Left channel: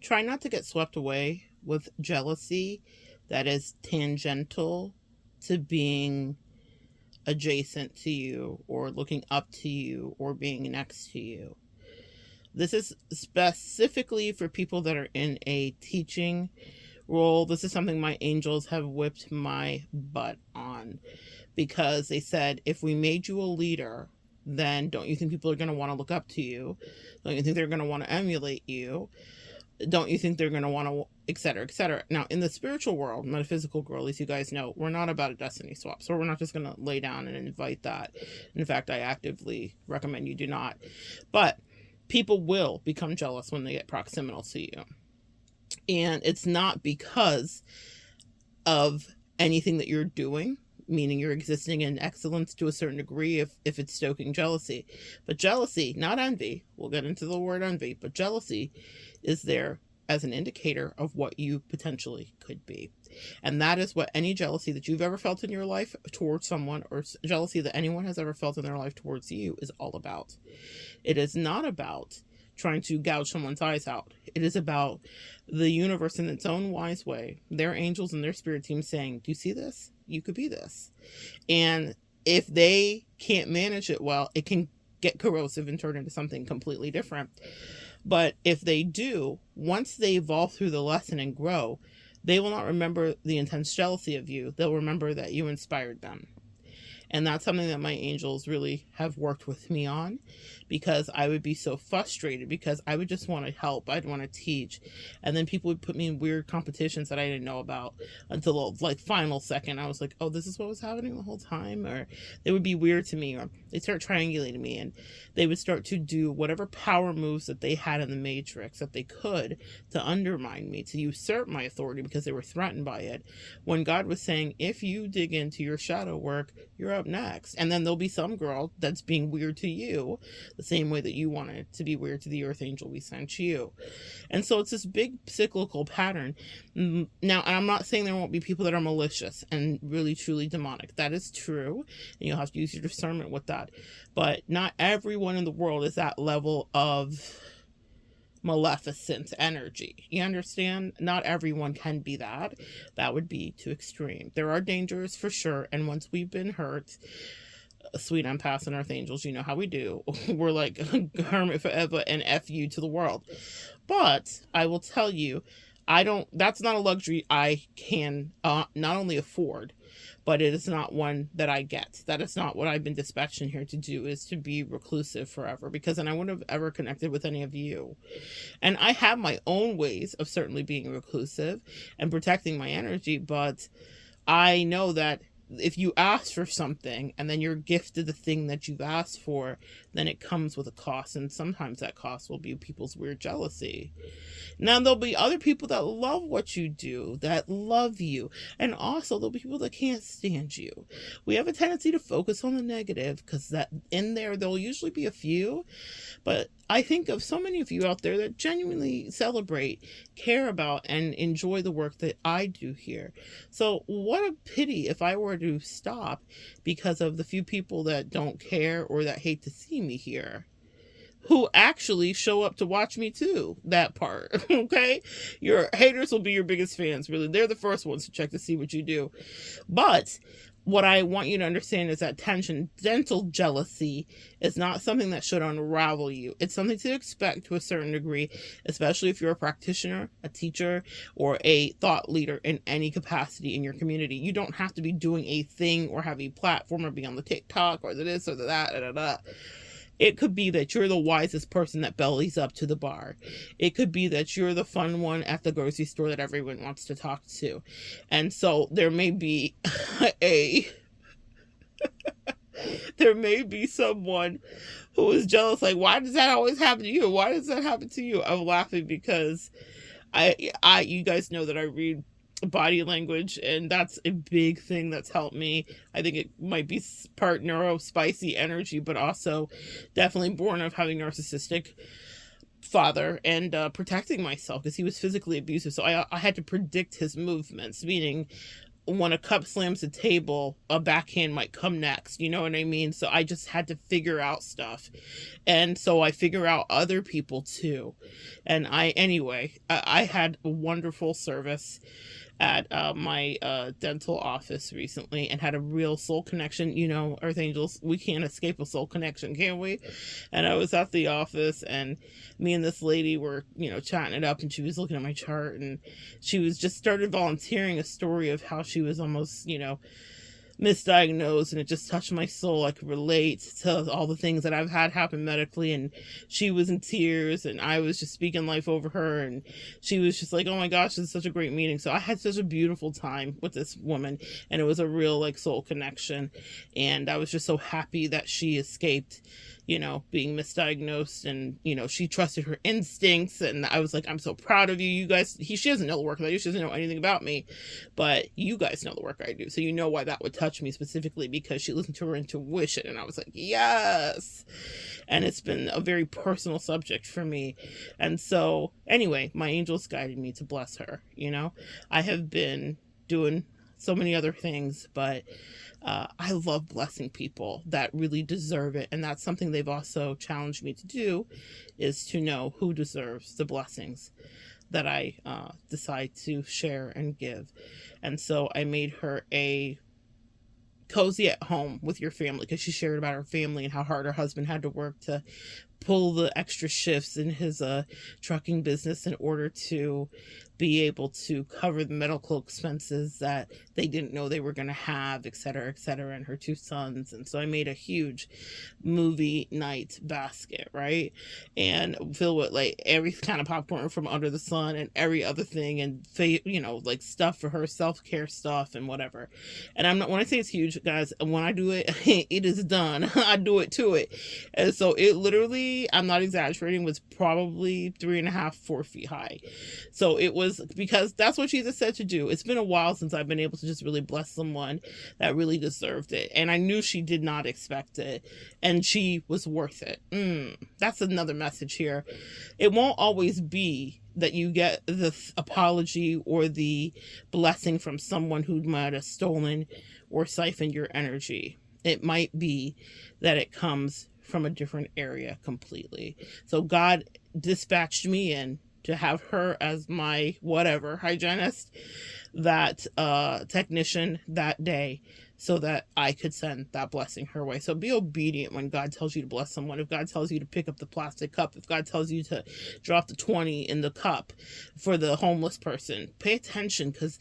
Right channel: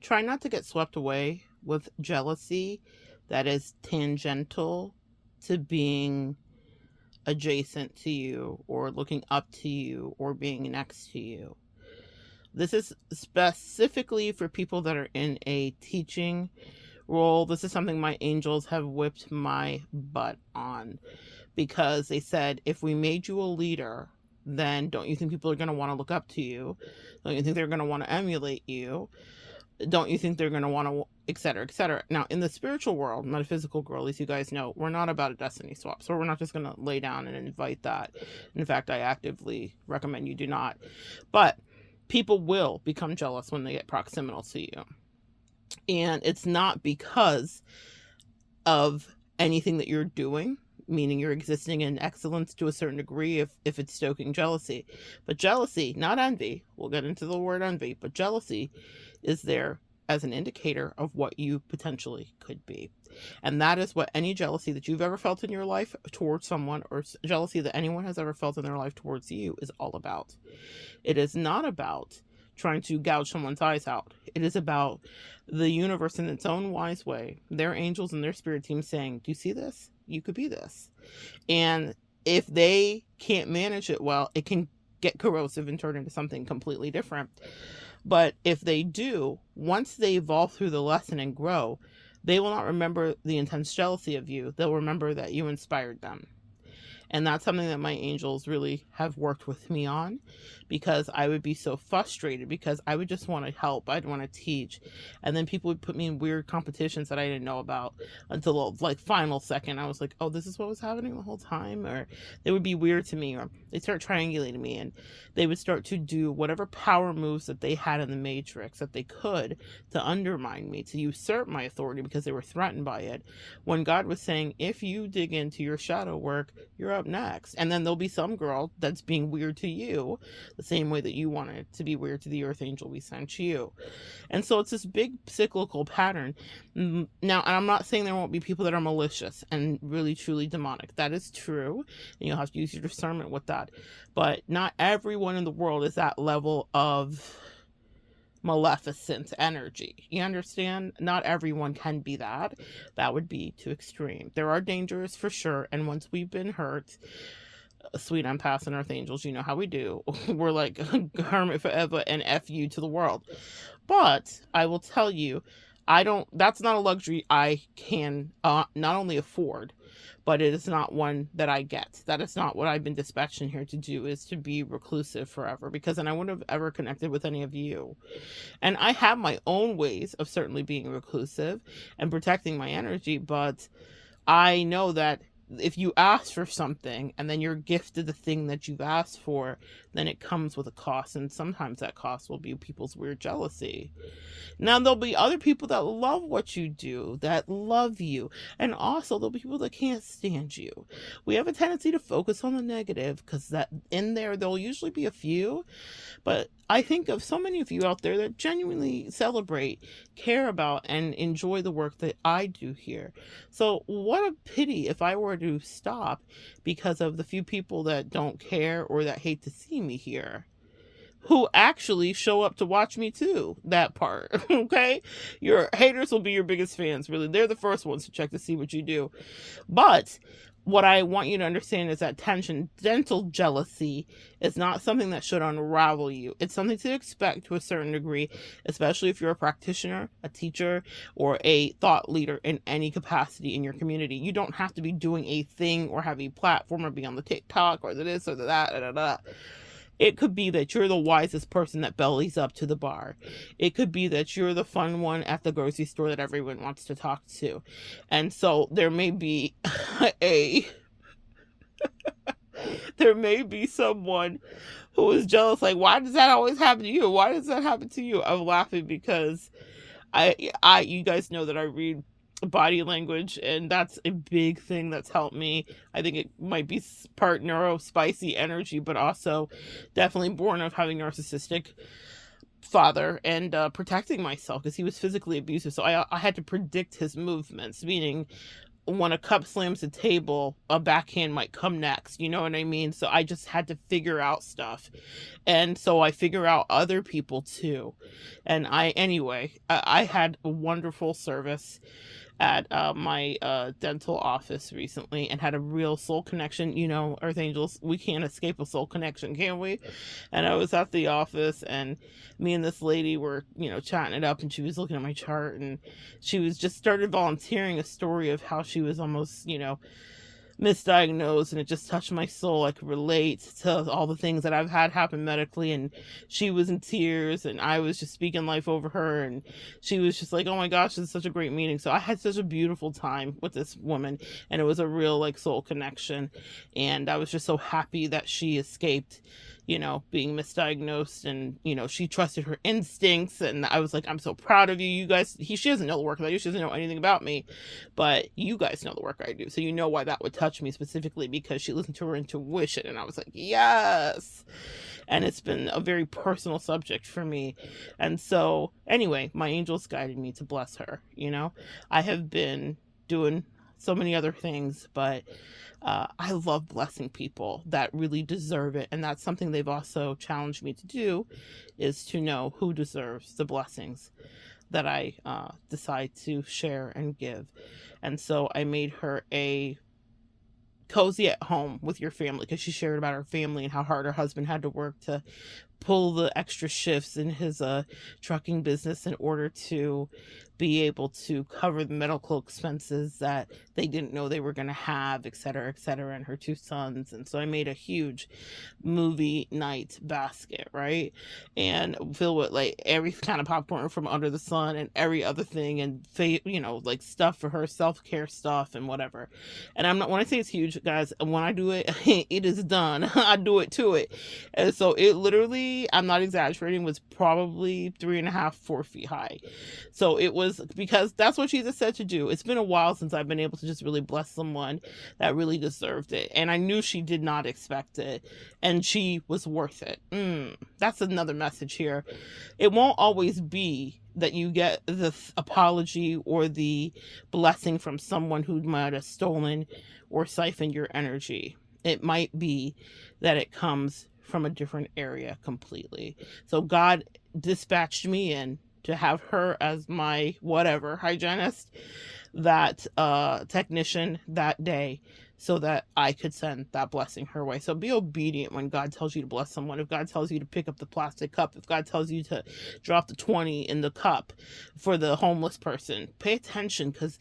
try not to get swept away with jealousy that is tangential to being adjacent to you or looking up to you or being next to you. This is specifically for people that are in a teaching role. This is something my angels have whipped my butt on, because they said, if we made you a leader, then don't you think people are going to want to look up to you? Don't you think they're going to want to emulate you? Don't you think they're going to want to, etc., etc. Now, in the spiritual world, metaphysical world, as you guys know, we're not about a destiny swap. So we're not just going to lay down and invite that. In fact, I actively recommend you do not. But people will become jealous when they get proximal to you. And it's not because of anything that you're doing, meaning you're existing in excellence to a certain degree if it's stoking jealousy. But jealousy, not envy, we'll get into the word envy, but jealousy is there as an indicator of what you potentially could be. And that is what any jealousy that you've ever felt in your life towards someone, or jealousy that anyone has ever felt in their life towards you, is all about. It is not about trying to gouge someone's eyes out. It is about the universe in its own wise way, their angels and their spirit team saying, do you see this? You could be this. And if they can't manage it well, it can get corrosive and turn into something completely different. But if they do, once they evolve through the lesson and grow, they will not remember the intense jealousy of you. They'll remember that you inspired them. And that's something that my angels really have worked with me on, because I would be so frustrated because I would just want to help. I'd want to teach. And then people would put me in weird competitions that I didn't know about until the final second. I was like, oh, this is what was happening the whole time? Or they would be weird to me, or they'd start triangulating me, and they would start to do whatever power moves that they had in the matrix that they could to undermine me, to usurp my authority because they were threatened by it. When God was saying, if you dig into your shadow work, you're up next. And then there'll be some girl that's being weird to you the same way that you wanted to be weird to the earth angel we sent you. And so it's this big cyclical pattern. Now, and I'm not saying there won't be people that are malicious and really truly demonic. That is true, and you'll have to use your discernment with that. But not everyone in the world is that level of maleficent energy. You understand? Not everyone can be that. That would be too extreme. There are dangers for sure, and once we've been hurt, sweet empaths and earth angels, you know how we do. We're like hermit forever and F you to the world. But I will tell you, that's not a luxury I can not only afford, but it is not one that I get. That is not what I've been dispatched in here to do, is to be reclusive forever, because then I wouldn't have ever connected with any of you. And I have my own ways of certainly being reclusive and protecting my energy, but I know that if you ask for something and then you're gifted the thing that you've asked for, then it comes with a cost, and sometimes that cost will be people's weird jealousy. Now, there'll be other people that love what you do, that love you, and also there'll be people that can't stand you. We have a tendency to focus on the negative, because that in there'll usually be a few, but I think of so many of you out there that genuinely celebrate, care about, and enjoy the work that I do here. So what a pity if I were to stop because of the few people that don't care or that hate to see me here, who actually show up to watch me too. That part, okay? Your haters will be your biggest fans, really. They're the first ones to check to see what you do. But what I want you to understand is that tangential jealousy is not something that should unravel you. It's something to expect to a certain degree, especially if you're a practitioner, a teacher, or a thought leader in any capacity in your community. You don't have to be doing a thing or have a platform or be on the TikTok or the this or the that. It could be that you're the wisest person that bellies up to the bar. It could be that you're the fun one at the grocery store that everyone wants to talk to. And so there may be there may be someone who is jealous, like, why does that always happen to you? Why does that happen to you? I'm laughing because you guys know that I read body language, and that's a big thing that's helped me. I think it might be part spicy energy, but also definitely born of having narcissistic father and protecting myself because he was physically abusive. So I had to predict his movements, meaning when a cup slams the table, a backhand might come next. You know what I mean? So I just had to figure out stuff. And so I figure out other people too. And I had a wonderful service at my dental office recently, and had a real soul connection. You know, Earth Angels, we can't escape a soul connection, can we? And I was at the office, and me and this lady were, you know, chatting it up, and she was looking at my chart, and she was just started volunteering a story of how she was almost, you know, misdiagnosed, and it just touched my soul. I could relate to all the things that I've had happen medically, and she was in tears, and I was just speaking life over her, and she was just like, oh my gosh, this is such a great meeting. So I had such a beautiful time with this woman, and it was a real like soul connection, and I was just so happy that she escaped, you know, being misdiagnosed, and, you know, she trusted her instincts, and I was like, I'm so proud of you. You guys, she doesn't know the work that I do, she doesn't know anything about me, but you guys know the work I do, so you know why that would touch me specifically, because she listened to her intuition, and I was like, yes. And it's been a very personal subject for me. And so anyway, my angels guided me to bless her. You know, I have been doing so many other things, but I love blessing people that really deserve it. And that's something they've also challenged me to do, is to know who deserves the blessings that I decide to share and give. And so I made her a cozy at home with your family, because she shared about her family and how hard her husband had to work to pull the extra shifts in his trucking business in order to be able to cover the medical expenses that they didn't know they were going to have, et cetera, and her two sons. And so I made a huge movie night basket, right? And filled with like every kind of popcorn from under the sun and every other thing, and you know, like stuff for her, self-care stuff and whatever. And I'm not, when I say it's huge, guys, when I do it, it is done. I do it to it. And so it literally, I'm not exaggerating, was probably 3.5, 4 feet high. So it was, because that's what Jesus said to do. It's been a while since I've been able to just really bless someone that really deserved it. And I knew she did not expect it, and she was worth it. That's another message here. It won't always be that you get the apology or the blessing from someone who might have stolen or siphoned your energy. It might be that it comes from a different area completely. So God dispatched me in to have her as my whatever hygienist, that technician that day, so that I could send that blessing her way. So be obedient when God tells you to bless someone. If God tells you to pick up the plastic cup, if God tells you to drop the 20 in the cup for the homeless person, pay attention, because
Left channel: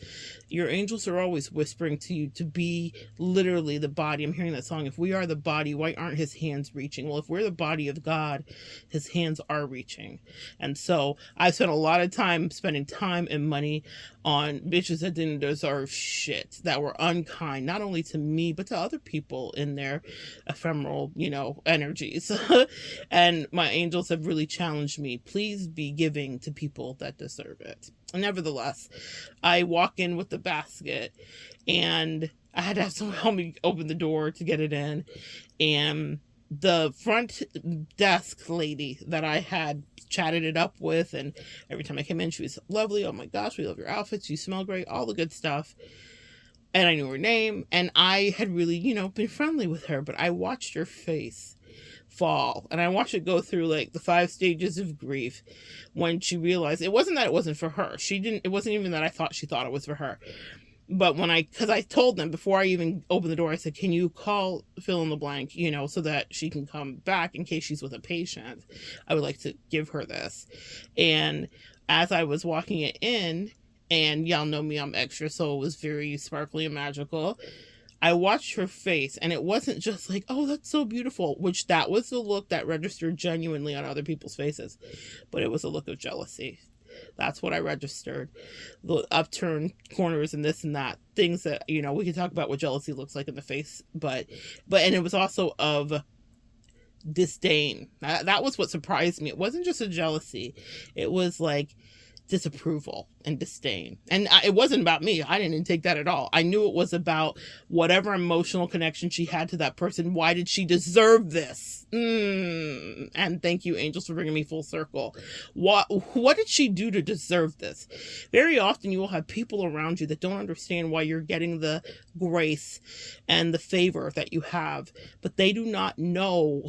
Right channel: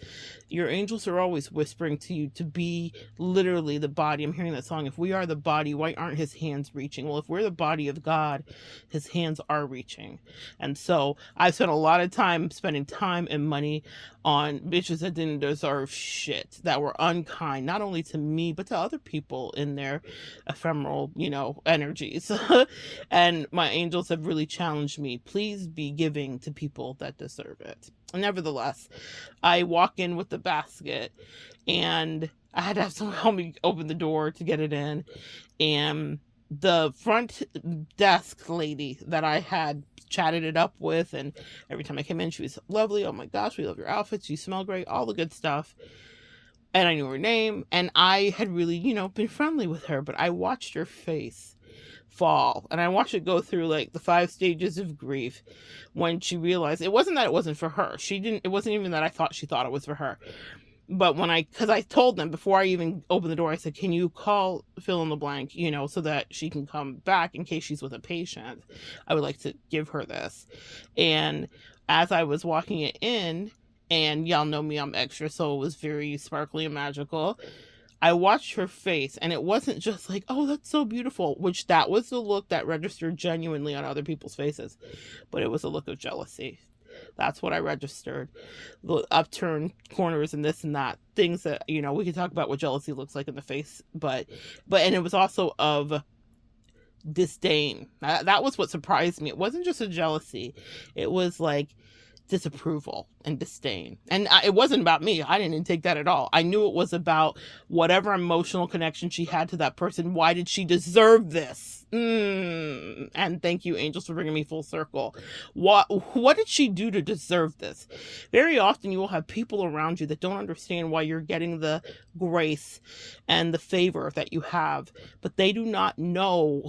your angels are always whispering to you to be literally the body. I'm hearing that song, if we are the body, why aren't his hands reaching? Well, if we're the body of God, his hands are reaching. And so I spent a lot of time spending time and money on bitches that didn't deserve shit, that were unkind, not only to me, but to other people in their ephemeral, you know, energies. And my angels have really challenged me, please be giving to people that deserve it. Nevertheless, I walk in with the basket, and I had to have someone help me open the door to get it in. And the front desk lady that I had chatted it up with, and every time I came in, she was lovely. Oh my gosh, we love your outfits, you smell great, all the good stuff. And I knew her name, and I had really, you know, been friendly with her, but I watched her face fall, and I watched it go through like the 5 stages of grief when she realized it wasn't that it wasn't for her. It wasn't even that I thought she thought it was for her. But because I told them before I even opened the door, I said, can you call fill in the blank, you know, so that she can come back in case she's with a patient. I would like to give her this. And as I was walking it in, and y'all know me, I'm extra, so it was very sparkly and magical, I watched her face, and it wasn't just like, oh, that's so beautiful, which that was the look that registered genuinely on other people's faces, but it was a look of jealousy. That's what I registered. The upturned corners and this and that. Things that, you know, we can talk about what jealousy looks like in the face. But and it was also of disdain. That was what surprised me. It wasn't just a jealousy. It was like disapproval. and disdain. And it wasn't about me. I didn't take that at all. I knew it was about whatever emotional connection she had to that person. Why did she deserve this? And thank you, angels, for bringing me full circle. What did she do to deserve this? Very often you will have people around you that don't understand why you're getting the grace and the favor that you have, but they do not know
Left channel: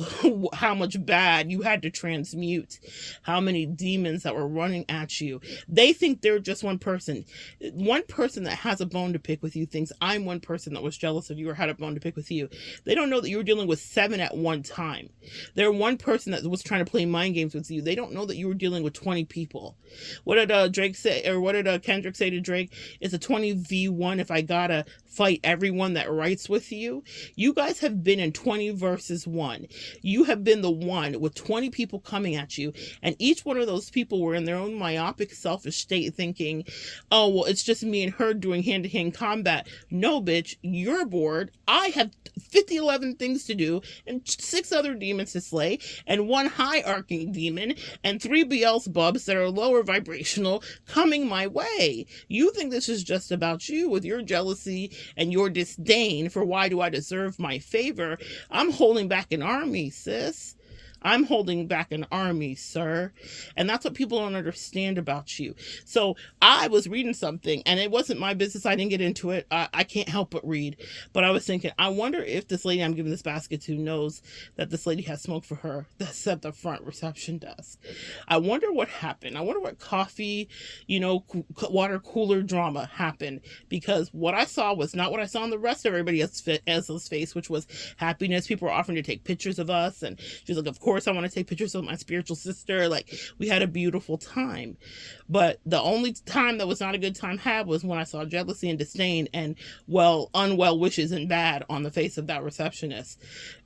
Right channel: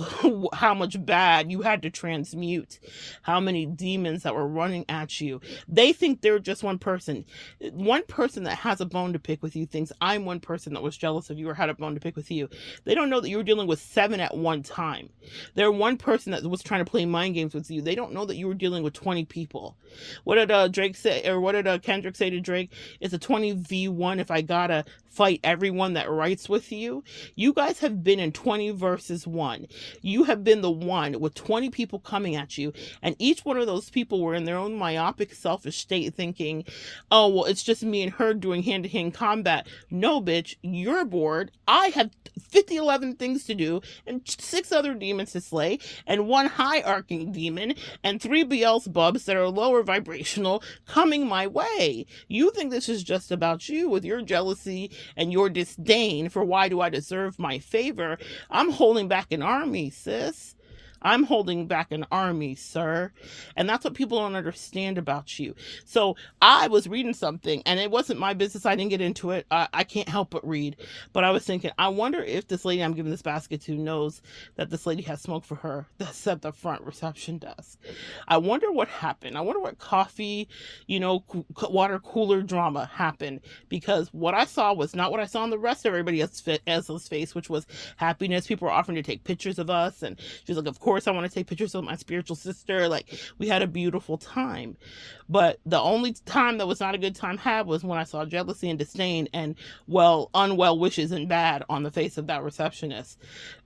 how much bad you had to transmute, how many demons that were running at you. They think they're just one person. One person that has a bone to pick with you thinks I'm one person that was jealous of you or had a bone to pick with you. They don't know that you were dealing with 7 at one time. They're one person that was trying to play mind games with you. They don't know that you were dealing with 20 people. What did Drake say, or what did Kendrick say to Drake? It's a 20v1 if I gotta fight everyone that writes with you. You guys have been in 20 versus 1. You have been the one with 20 people coming at you, and each one of those people were in their own myopic, selfish state thinking, oh, well, it's just me and her doing hand-to-hand combat. No, bitch, you're bored. I have 11 things to do, and 6 other demons to slay, and 1 high-arcing demon, and 3 Beelzebubs that are lower vibrational coming my way. You think this is just about you with your jealousy and your disdain for why do I deserve my favor. I'm holding back an army, sis. I'm holding back an army, sir. And that's what people don't understand about you. So I was reading something, and it wasn't my business. I didn't get into it. I can't help but read. But I was thinking, I wonder if this lady I'm giving this basket to knows that this lady has smoke for her that's at the front reception desk. I wonder what happened. I wonder what coffee, water cooler drama happened. Because what I saw was not what I saw on the rest of everybody else's face, which was happiness. People were offering to take pictures of us. And she's like, of course I want to take pictures of my spiritual sister. Like, we had a beautiful time. But the only time that was not a good time had was when I saw jealousy and disdain and unwell wishes and bad on the face of that receptionist.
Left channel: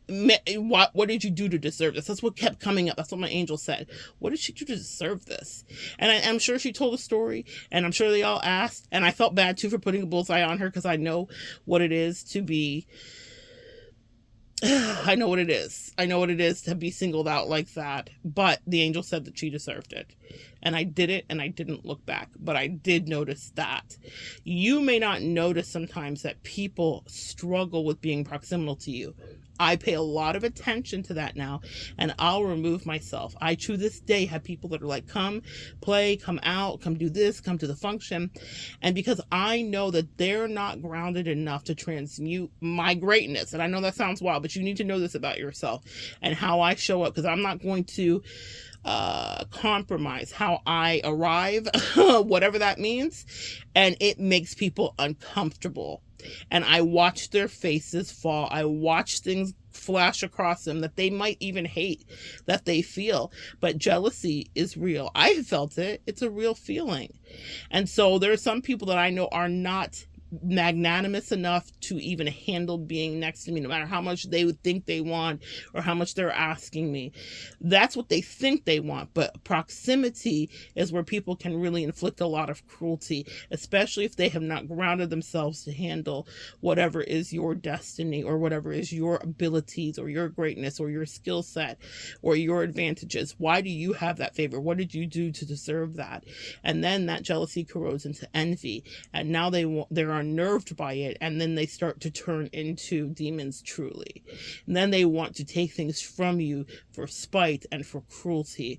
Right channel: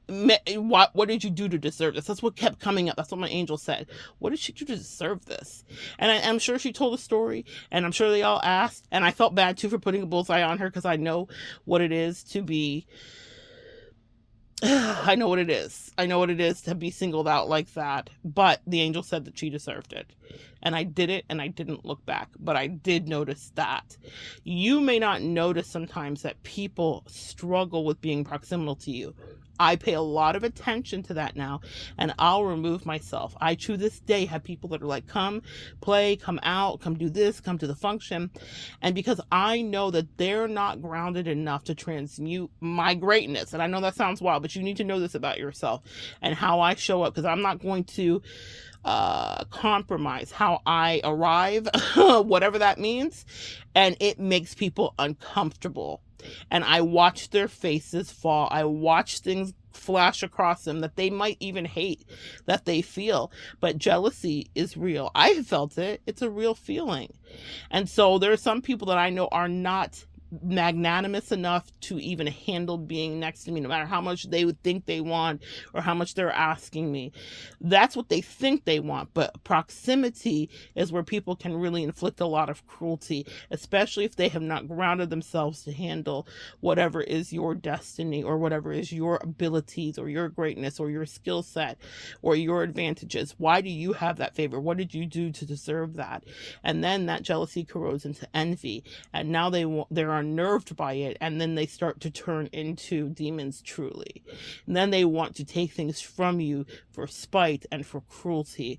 What did you do to deserve this? That's what kept coming up. That's what my angel said. What did she do to deserve this? And I'm sure she told a story, and I'm sure they all asked, and I felt bad too for putting a bullseye on her, because I know what it is to be I know what it is. I know what it is to be singled out like that. But the angel said that she deserved it. And I did it, and I didn't look back. But I did notice that. You may not notice sometimes that people struggle with being proximal to you. I pay a lot of attention to that now, and I'll remove myself. I, to this day, have people that are like, come play, come out, come do this, come to the function. And because I know that they're not grounded enough to transmute my greatness, and I know that sounds wild, but you need to know this about yourself and how I show up, because I'm not going to compromise how I arrive, whatever that means, and it makes people uncomfortable. And I watch their faces fall. I watch things flash across them that they might even hate, that they feel. But jealousy is real. I felt it. It's a real feeling. And so there are some people that I know are not magnanimous enough to even handle being next to me, no matter how much they would think they want or how much they're asking me. That's what they think they want. But proximity is where people can really inflict a lot of cruelty, especially if they have not grounded themselves to handle whatever is your destiny, or whatever is your abilities, or your greatness, or your skill set, or your advantages. Why do you have that favor? What did you do to deserve that? And then that jealousy corrodes into envy, and now they're unnerved by it, and then they start to turn into demons truly. And then they want to take things from you for spite and for cruelty.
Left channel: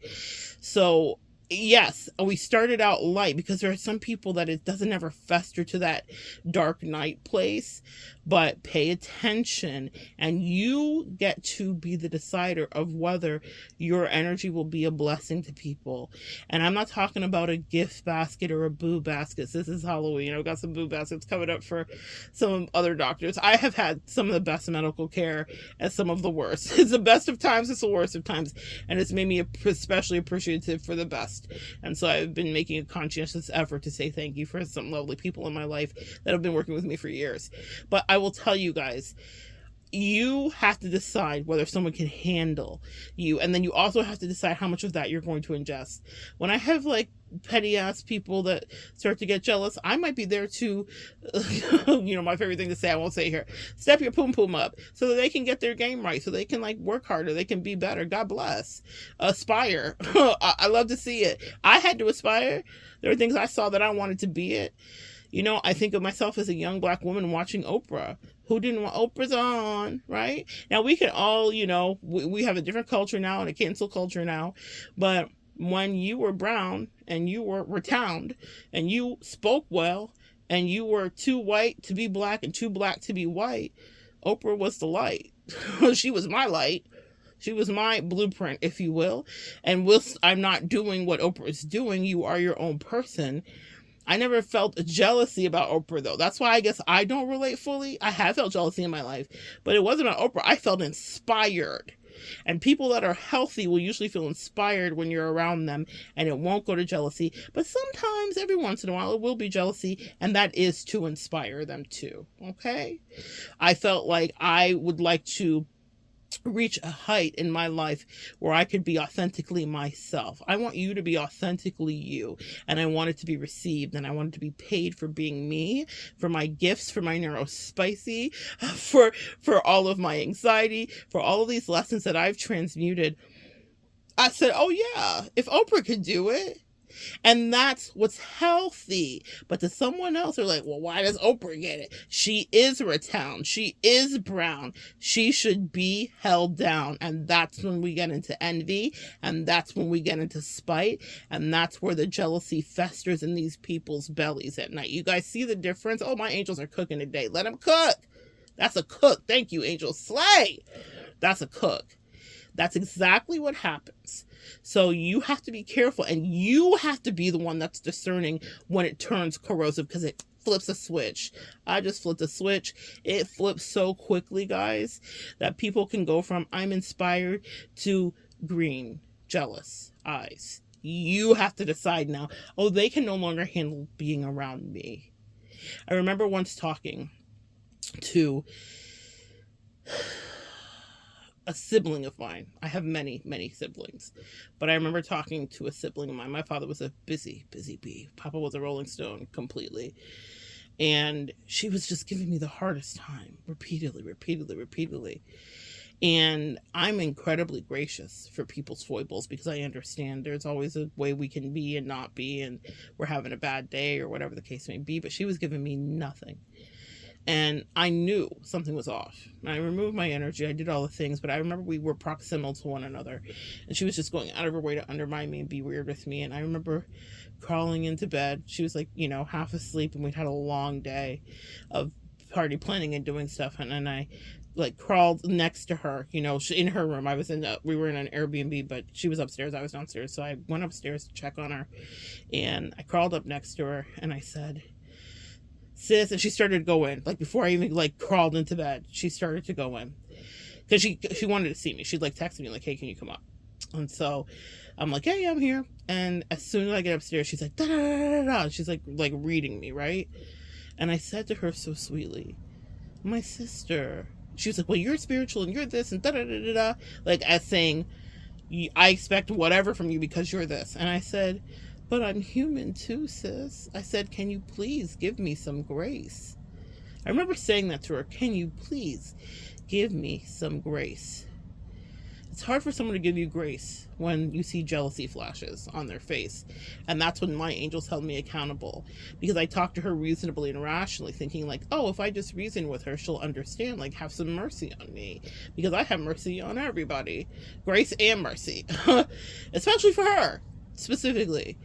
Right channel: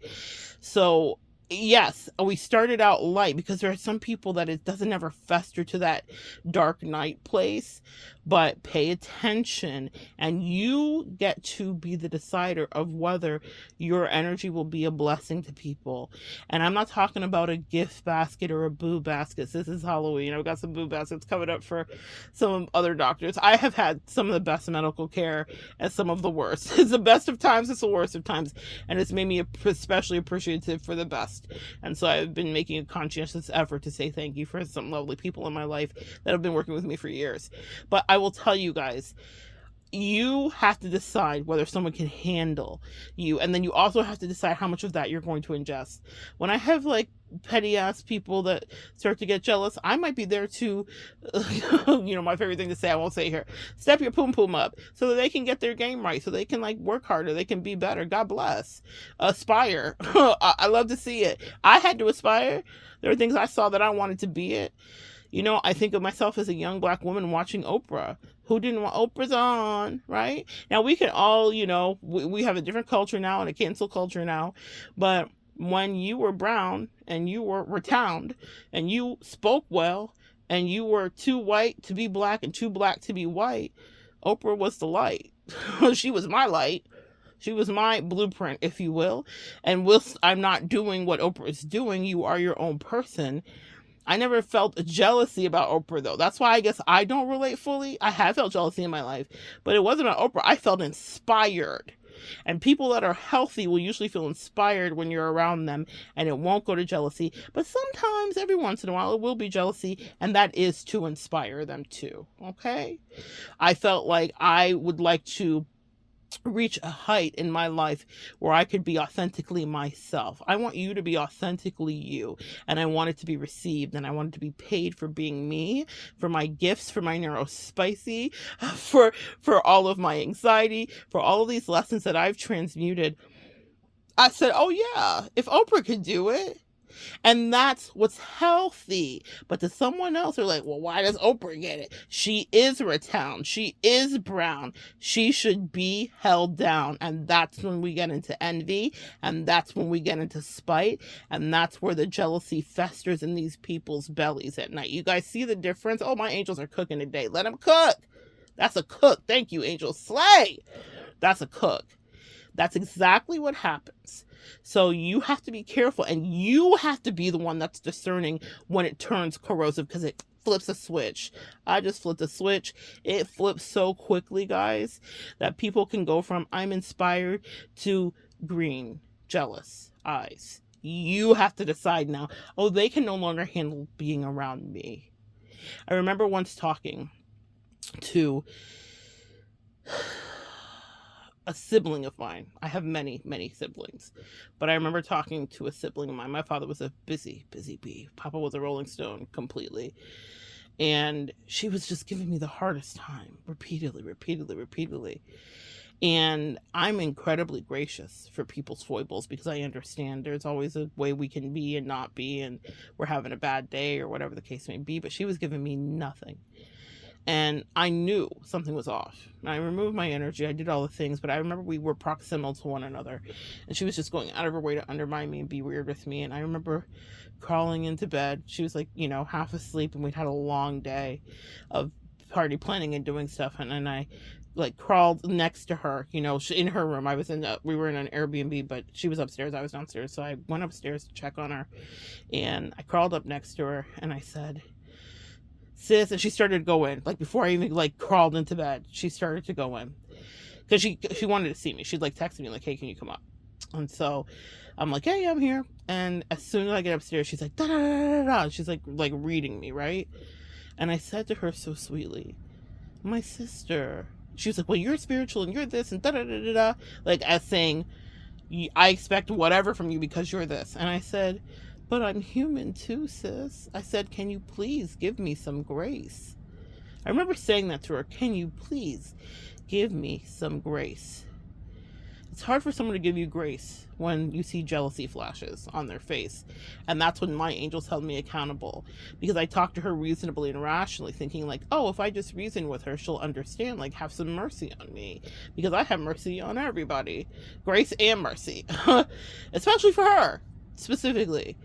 So yes, we started out light, because there are some people that it doesn't ever fester to that dark night place. But pay attention, and you get to be the decider of whether your energy will be a blessing to people. And I'm not talking about a gift basket or a boo basket. This is Halloween. I've got some boo baskets coming up for some other doctors. I have had some of the best medical care and some of the worst. It's the best of times, it's the worst of times. And it's made me especially appreciative for the best. And so I've been making a conscientious effort to say thank you for some lovely people in my life that have been working with me for years. But I will tell you guys, you have to decide whether someone can handle you, and then you also have to decide how much of that you're going to ingest. When I have like petty ass people that start to get jealous, I might be there to my favorite thing to say, I won't say here, step your poom poom up so that they can get their game right, so they can like work harder, they can be better. God bless. Aspire. I love to see it. I had to aspire. There are things I saw that I wanted to be it. I think of myself as a young Black woman watching Oprah. Who didn't want Oprah's on, right? Now, we can all, we have a different culture now and a cancel culture now. But when you were brown and you were retowned and you spoke well and you were too white to be Black and too Black to be white, Oprah was the light. She was my light. She was my blueprint, if you will. And whilst I'm not doing what Oprah is doing, you are your own person. I never felt a jealousy about Oprah, though. That's why I guess I don't relate fully. I have felt jealousy in my life, but it wasn't about Oprah. I felt inspired. And people that are healthy will usually feel inspired when you're around them, and it won't go to jealousy. But sometimes, every once in a while, it will be jealousy, and that is to inspire them too, okay? I felt like I would like to reach a height in my life where I could be authentically myself. I want you to be authentically you, and I want it to be received, and I want it to be paid for being me, for my gifts, for my neurospicy, for all of my anxiety, for all of these lessons that I've transmuted. I said, oh yeah, if Oprah could do it. And that's what's healthy. But to someone else, they're like, well, why does Oprah get it? She is retowned. She is brown. She should be held down. And that's when we get into envy. And that's when we get into spite. And that's where the jealousy festers in these people's bellies at night. You guys see the difference? Oh, my angels are cooking today. Let them cook. That's a cook. Thank you, angels. Slay. That's a cook. That's exactly what happens. So you have to be careful, and you have to be the one that's discerning when it turns corrosive, because it flips a switch. I just flipped a switch. It flips so quickly, guys, that people can go from I'm inspired to green, jealous eyes. You have to decide now, oh, they can no longer handle being around me. I remember once talking to a sibling of mine. I have many, many siblings, but I remember talking to a sibling of mine. My father was a busy bee. Papa was a Rolling Stone completely. And she was just giving me the hardest time repeatedly. And I'm incredibly gracious for people's foibles, because I understand there's always a way we can be and not be, and we're having a bad day or whatever the case may be. But she was giving me nothing. And I knew something was off. I removed my energy. I did all the things, but I remember we were proximal to one another. And she was just going out of her way to undermine me and be weird with me. And I remember crawling into bed. She was like, half asleep, and we'd had a long day of party planning and doing stuff. And then I like crawled next to her, in her room. We were in an Airbnb, but she was upstairs. I was downstairs. So I went upstairs to check on her. And I crawled up next to her, and I said, sis, and she started to go in. Like, before I even crawled into bed, she started to go in, because she wanted to see me. She'd text me like, hey, can you come up? And so I'm like, hey, I'm here. And as soon as I get upstairs, she's like, da da da da da. She's like reading me, right? And I said to her so sweetly, my sister. She was like, well, you're spiritual and you're this and da da da da da, as saying, I expect whatever from you because you're this. And I said, but I'm human too, sis. I said, can you please give me some grace? I remember saying that to her. Can you please give me some grace? It's hard for someone to give you grace when you see jealousy flashes on their face. And that's when my angels held me accountable, because I talked to her reasonably and rationally, thinking oh, if I just reason with her, she'll understand, have some mercy on me, because I have mercy on everybody. Grace and mercy, especially for her, specifically.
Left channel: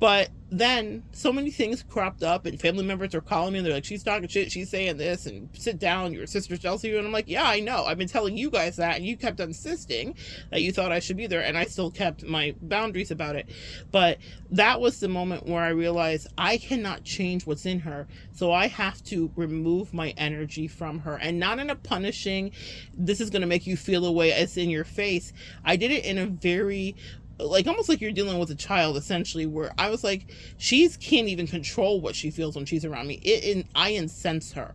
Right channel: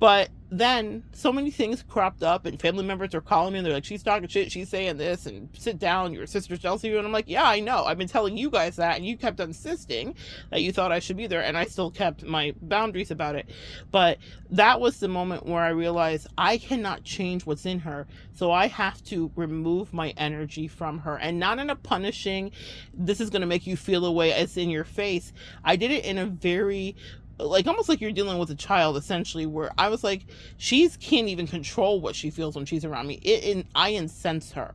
But then so many things cropped up, and family members are calling me, and they're like, she's talking shit, she's saying this, and sit down, your sister's jealous of you. And I'm like, yeah, I know. I've been telling you guys that, and you kept insisting that you thought I should be there, and I still kept my boundaries about it. But that was the moment where I realized I cannot change what's in her, so I have to remove my energy from her. And not in a punishing, this is going to make you feel a way, as in your face. I did it in a very like almost like you're dealing with a child essentially, where I was like, she can't even control what she feels when she's around me. I incense her,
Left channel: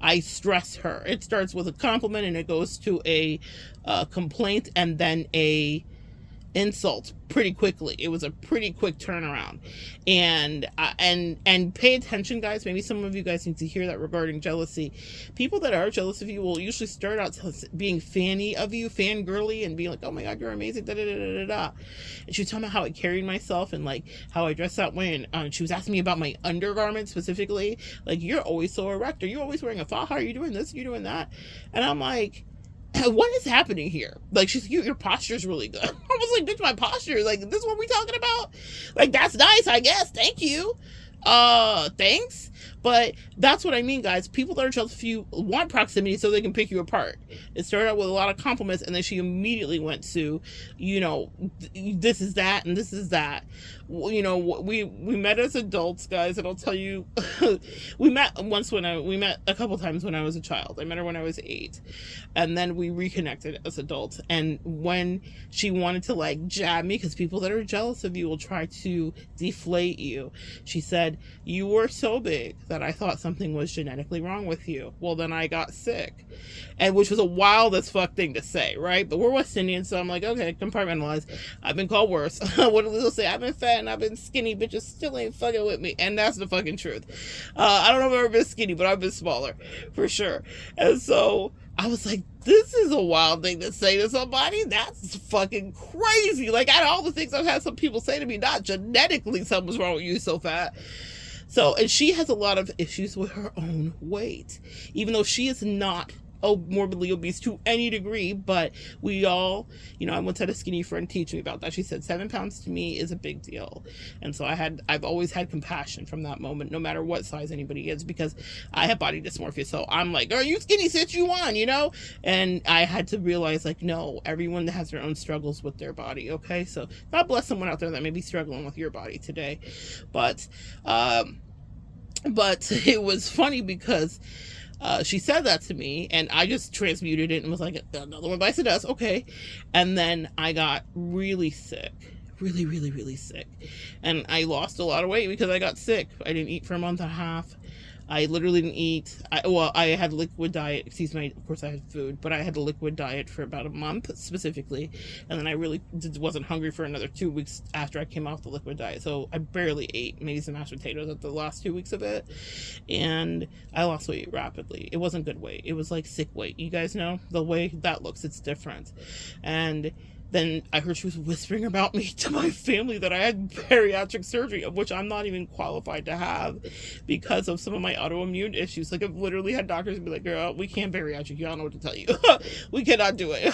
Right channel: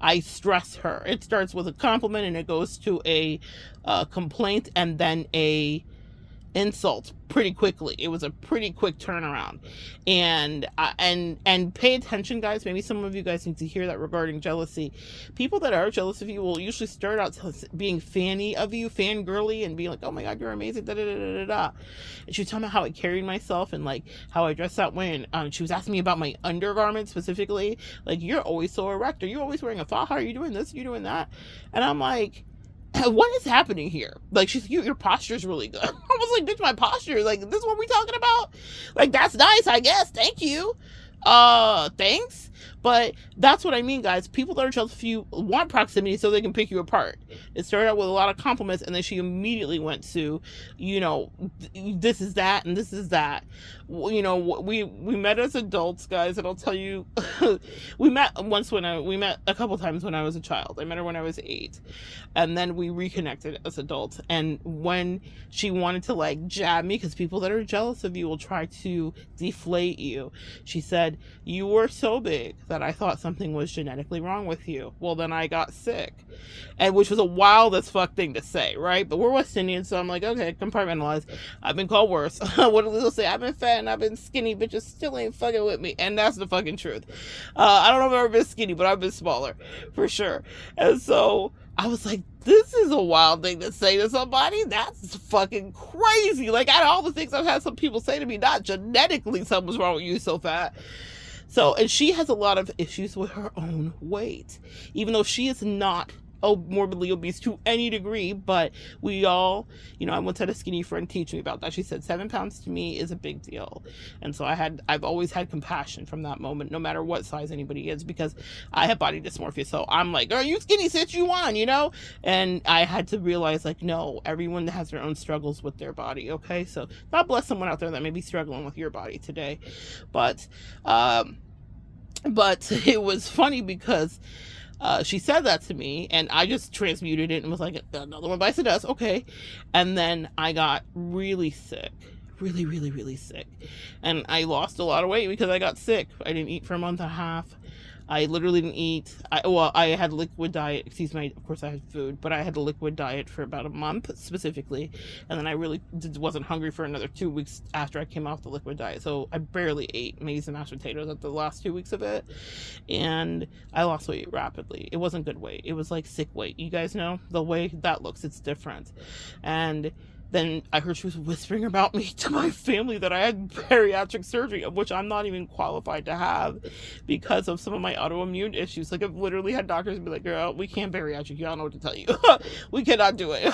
I stress her. It starts with a compliment and it goes to a complaint and then a insult pretty quickly. It was a pretty quick turnaround. And pay attention, guys. Maybe some of you guys need to hear that regarding jealousy. People that are jealous of you will usually start out being fanny of you, fangirly, and being like, oh my god, you're amazing, da da da da da. And she was talking about how I carried myself and like how I dressed that way, and she was asking me about my undergarments specifically, like, you're always so erect, or you're always wearing a faja, are you doing this, you're doing that? And I'm like, what is happening here? Like, she's, your posture is really good. I was like, bitch, my posture, like, this is what we talking about? Like, that's nice, I guess, thank you. Thanks. But that's what I mean, guys. People that are jealous of you want proximity so they can pick you apart. It started out with a lot of compliments, and then she immediately went to, you know, this is that and this is that. You know, we met as adults, guys, and I'll tell you, we met a couple times when I was a child. I met her when I was 8, and then we reconnected as adults. And when she wanted to like jab me, because people that are jealous of you will try to deflate you, she said, you were so big that I thought something was genetically wrong with you. Well, then I got sick. And which was a wild as fuck thing to say, right? But we're West Indian, so I'm like, okay, compartmentalize. I've been called worse. What do they say? I've been fat and I've been skinny, bitches still ain't fucking with me. And that's the fucking truth. I don't know if I've ever been skinny, but I've been smaller, for sure. And so I was like, this is a wild thing to say to somebody. That's fucking crazy. Like, out of all the things I've had some people say to me, not genetically something's wrong with you, so fat. So, and she has a lot of issues with her own weight, even though she is not morbidly obese to any degree. But we all, you know, I once had a skinny friend teach me about that. She said 7 pounds to me is a big deal. And so I've always had compassion from that moment, no matter what size anybody is, because I have body dysmorphia. So I'm like, are you skinny, sit you on, you know? And I had to realize, like, no, everyone has their own struggles with their body. Okay. So God bless someone out there that may be struggling with your body today. But it was funny because she said that to me, and I just transmuted it and was like, another one bites the dust, okay. And then I got really sick, really, really, really sick. And I lost a lot of weight because I got sick. I didn't eat for a month and a half. I literally didn't eat. I had liquid diet. Excuse me, of course I had food, but I had a liquid diet for about a month specifically. And then I really wasn't hungry for another 2 weeks after I came off the liquid diet. So I barely ate, maybe some mashed potatoes at the last 2 weeks of it. And I lost weight rapidly. It wasn't good weight. It was like sick weight. You guys know the way that looks, it's different. And then I heard she was whispering about me to my family that I had bariatric surgery, of which I'm not even qualified to have because of some of my autoimmune issues. Like, I've literally had doctors be like, girl, we can't bariatric you. I don't know what to tell you. We cannot do it.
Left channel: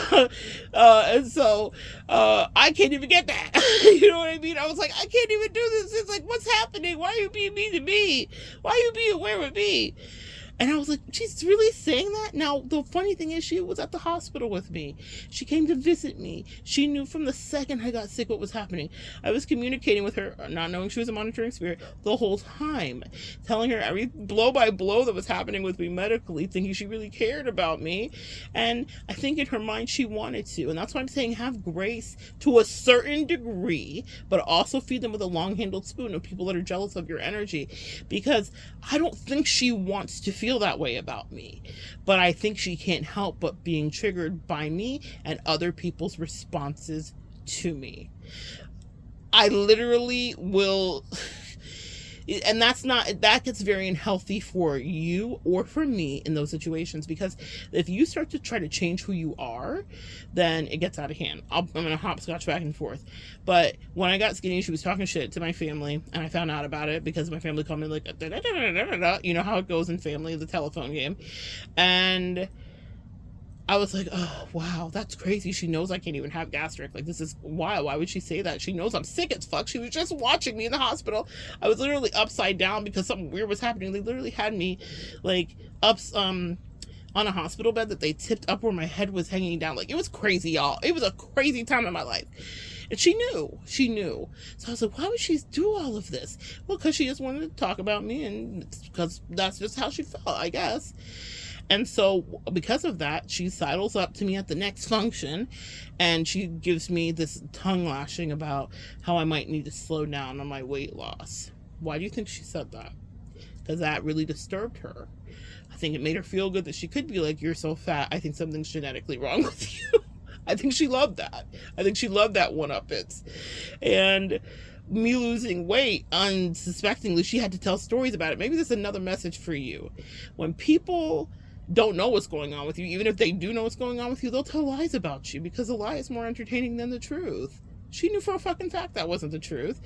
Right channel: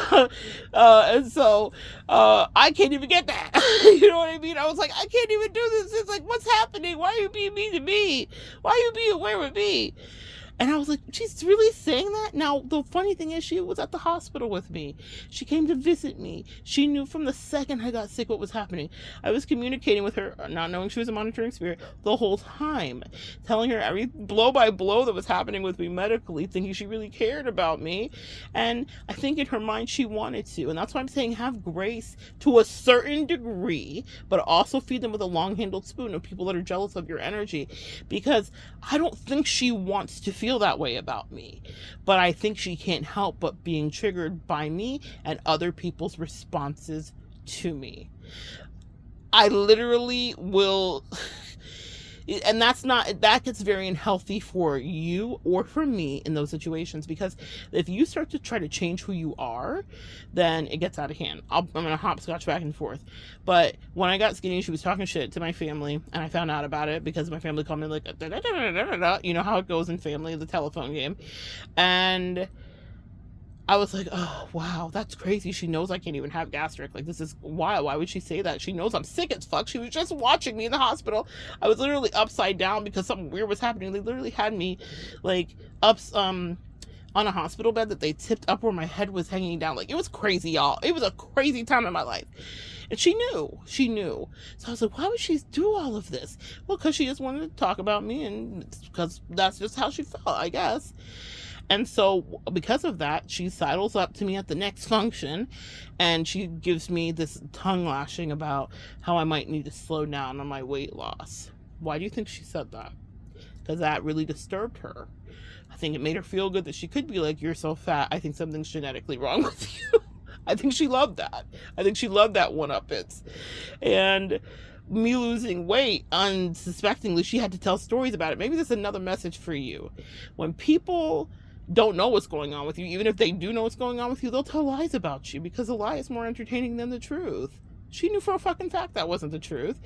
And so I can't even get that. You know what I mean? I was like, I can't even do this. It's like, what's happening? Why are you being mean to me? Why are you being aware with me? And I was like, she's really saying that? Now, the funny thing is, she was at the hospital with me. She came to visit me. She knew from the second I got sick what was happening. I was communicating with her, not knowing she was a monitoring spirit, the whole time. Telling her every blow by blow that was happening with me medically, thinking she really cared about me. And I think in her mind, she wanted to. And that's why I'm saying have grace to a certain degree, but also feed them with a long-handled spoon of people that are jealous of your energy. Because I don't think she wants to feel that way about me, but I think she can't help but being triggered by me and other people's responses to me. I literally will, and that gets very unhealthy for you or for me in those situations, because if you start to try to change who you are, then it gets out of hand. I'm gonna hopscotch back and forth. But when I got skinny, she was talking shit to my family, and I found out about it because my family called me like, da, da, da, da, da, da. You know how it goes in family, the telephone game. And I was like, oh, wow, that's crazy. She knows I can't even have gastric. Like, this is wild. Why would she say that? She knows I'm sick as fuck. She was just watching me in the hospital. I was literally upside down because something weird was happening. They literally had me, like, on a hospital bed that they tipped up where my head was hanging down. Like, it was crazy, y'all. It was a crazy time in my life. And she knew. So I was like, why would she do all of this? Well, because she just wanted to talk about me, and because that's just how she felt, I guess. And so because of that, she sidles up to me at the next function and she gives me this tongue lashing about how I might need to slow down on my weight loss. Why do you think she said that? Because that really disturbed her. I think it made her feel good that she could be like, you're so fat, I think something's genetically wrong with you. I think she loved that. I think she loved that one-uppance. And me losing weight unsuspectingly, she had to tell stories about it. Maybe this is another message for you. When people don't know what's going on with you, even if they do know what's going on with you, they'll tell lies about you because a lie is more entertaining than the truth. She knew for a fucking fact that wasn't the truth.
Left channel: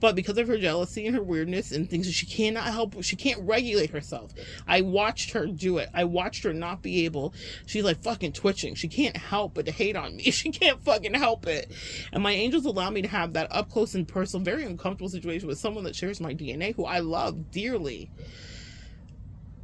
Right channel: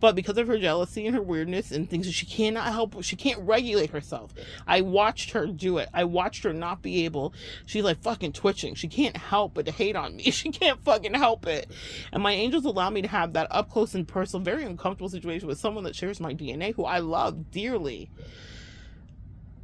But because of her jealousy and her weirdness and things that she cannot help, she can't regulate herself. I watched her do it. I watched her not be able. She's like fucking twitching. She can't help but to hate on me. She can't fucking help it. And my angels allow me to have that up close and personal, very uncomfortable situation with someone that shares my DNA, who I love dearly.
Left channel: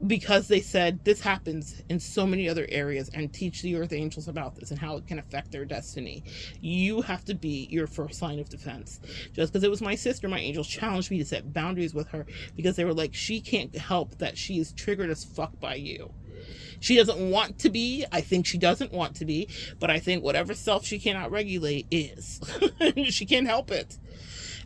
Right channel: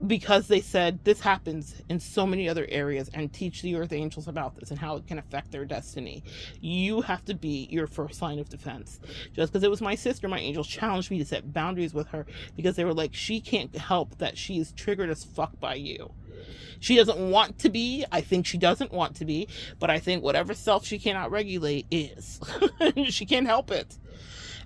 Because they said this happens in so many other areas, and teach the earth angels about this and how it can affect their destiny. You have to be your first line of defense. Just because it was my sister, my angels challenged me to set boundaries with her because they were like, she can't help that she is triggered as fuck by you. She doesn't want to be. I think she doesn't want to be, but I think whatever self she cannot regulate is. She can't help it.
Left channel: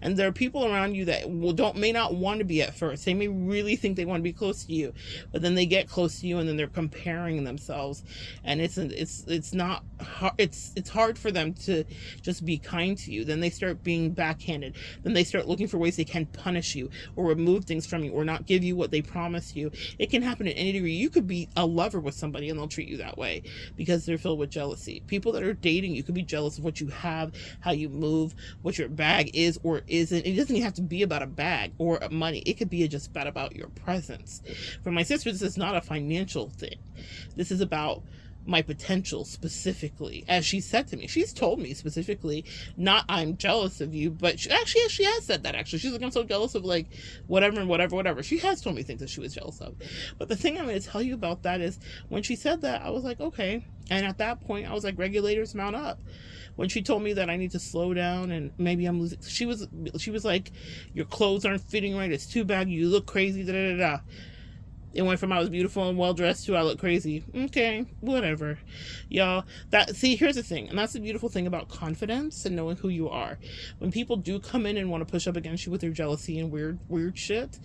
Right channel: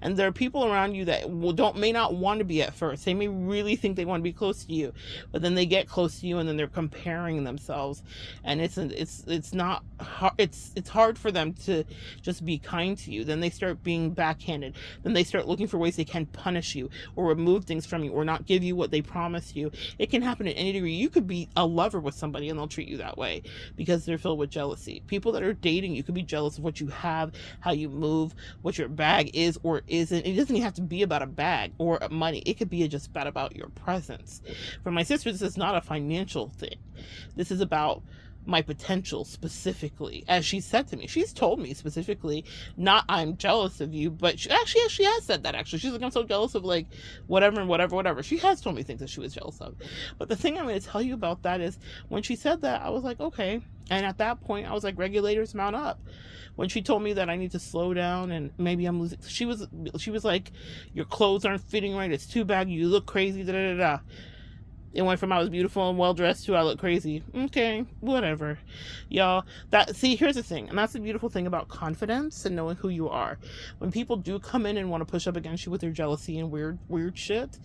And there are people around you that may not want to be at first. They may really think they want to be close to you, but then they get close to you and then they're comparing themselves, and it's not hard. It's hard for them to just be kind to you. Then they start being backhanded. Then they start looking for ways they can punish you or remove things from you or not give you what they promised you. It can happen at any degree. You could be a lover with somebody and they'll treat you that way because they're filled with jealousy. People that are dating you could be jealous of what you have, how you move, what your bag is or isn't. It doesn't even have to be about a bag or money. It could be just about your presence. For my sister, this is not a financial thing. This is about my potential specifically. As she said to me, she's told me specifically, not I'm jealous of you, but she has said that actually. She's like, I'm so jealous of like whatever. She has told me things that she was jealous of. But the thing I'm going to tell you about that is when she said that, I was like, okay. And at that point, I was like, regulators mount up. When she told me that I need to slow down and maybe I'm losing, she was like, your clothes aren't fitting right, it's too baggy, you look crazy, da da da. It went from I was beautiful and well dressed to I look crazy. Okay, whatever, y'all. Here's the thing, and that's the beautiful thing about confidence and knowing who you are. When people do come in and want to push up against you with their jealousy and weird shit,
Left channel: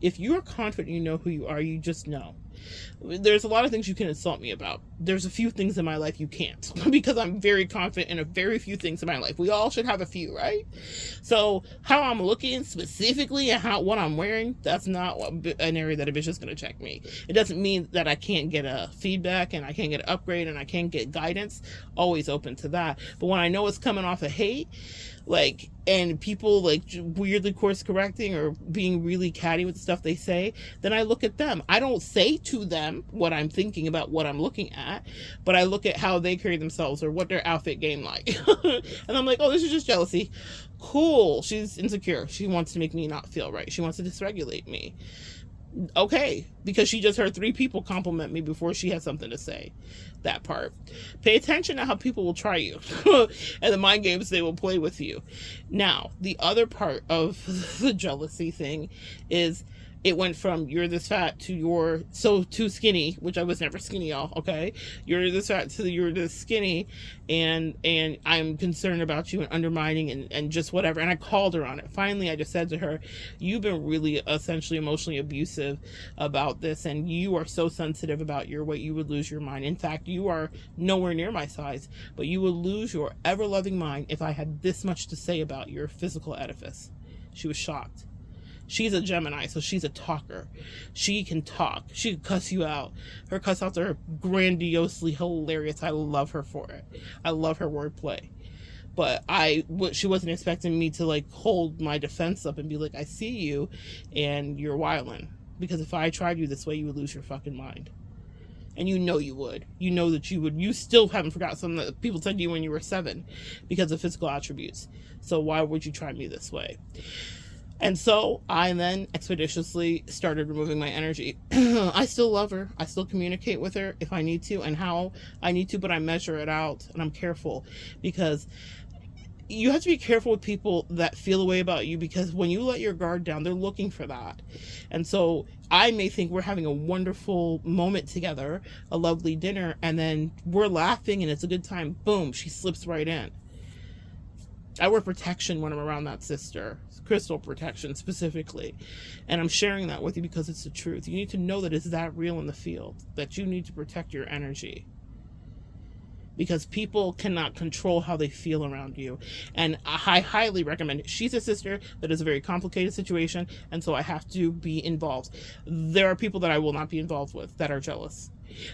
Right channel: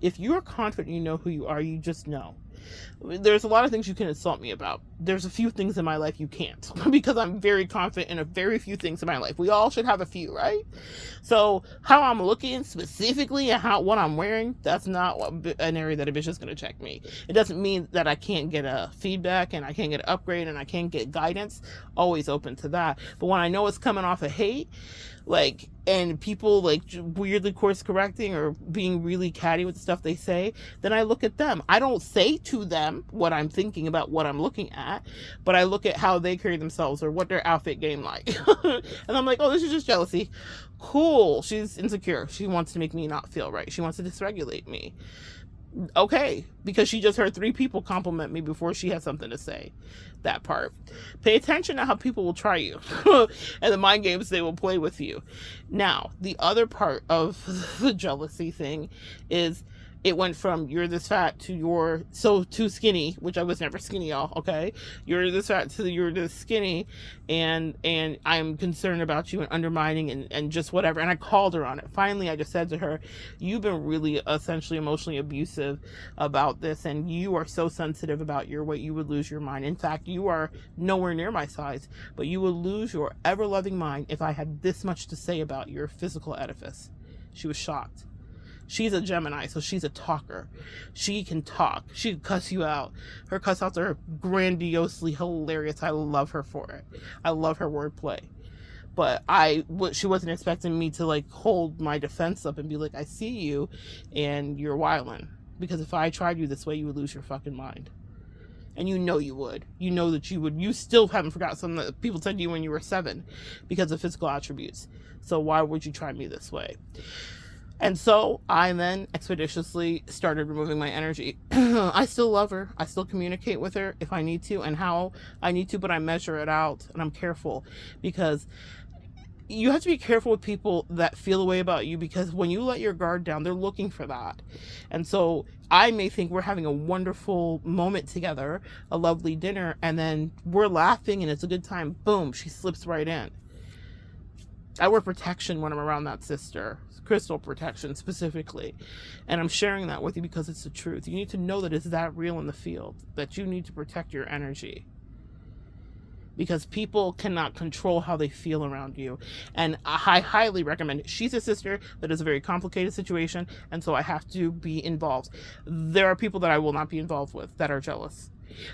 if you are confident, you know who you are. You just know. There's a lot of things you can insult me about. There's a few things in my life you can't because I'm very confident in a very few things in my life. We all should have a few, right? So how I'm looking specifically and what I'm wearing, that's not an area that a bitch is going to check me. It doesn't mean that I can't get a feedback and I can't get an upgrade and I can't get guidance. Always open to that. But when I know it's coming off of hate, like, and people like weirdly course correcting or being really catty with the stuff they say, then I look at them. I don't say to them what I'm thinking about what I'm looking at, but I look at how they carry themselves or what their outfit game like. And I'm like, oh, this is just jealousy. Cool. She's insecure. She wants to make me not feel right. She wants to dysregulate me. Okay, because she just heard 3 people compliment me before she had something to say. That part. Pay attention to how people will try you and the mind games they will play with you. Now, the other part of the jealousy thing is it went from you're this fat to you're so too skinny, which I was never skinny, y'all, okay? You're this fat to you're this skinny, and I'm concerned about you and undermining and just whatever. And I called her on it. Finally, I just said to her, you've been really essentially emotionally abusive about this, and you are so sensitive about your weight, you would lose your mind. In fact, you are nowhere near my size, but you would lose your ever-loving mind if I had this much to say about your physical edifice. She was shocked. She's a Gemini, so she's a talker. She can talk. She can cuss you out. Her cuss outs are grandiosely hilarious. I love her for it. I love her wordplay. But she wasn't expecting me to like hold my defense up and be like, I see you and you're wildin'. Because if I tried you this way, you would lose your fucking mind. And you know you would. You know that you would. You still haven't forgot something that people said to you when you were 7 because of physical attributes. So why would you try me this way? And so I then expeditiously started removing my energy. I still love her. I still communicate with her if I need to and how I need to, but I measure it out and I'm careful because you have to be careful with people that feel a way about you, because when you let your guard down, they're looking for that. And so I may think we're having a wonderful moment together, a lovely dinner, and then we're laughing and it's a good time. Boom, she slips right in. I wear protection when I'm around that sister, crystal protection specifically. And I'm sharing that with you because it's the truth. You need to know that it's that real in the field, that you need to protect your energy. Because people cannot control how they feel around you. And I highly recommend it. She's a sister that is a very complicated situation, and so I have to be involved. There are people that I will not be involved with that are jealous.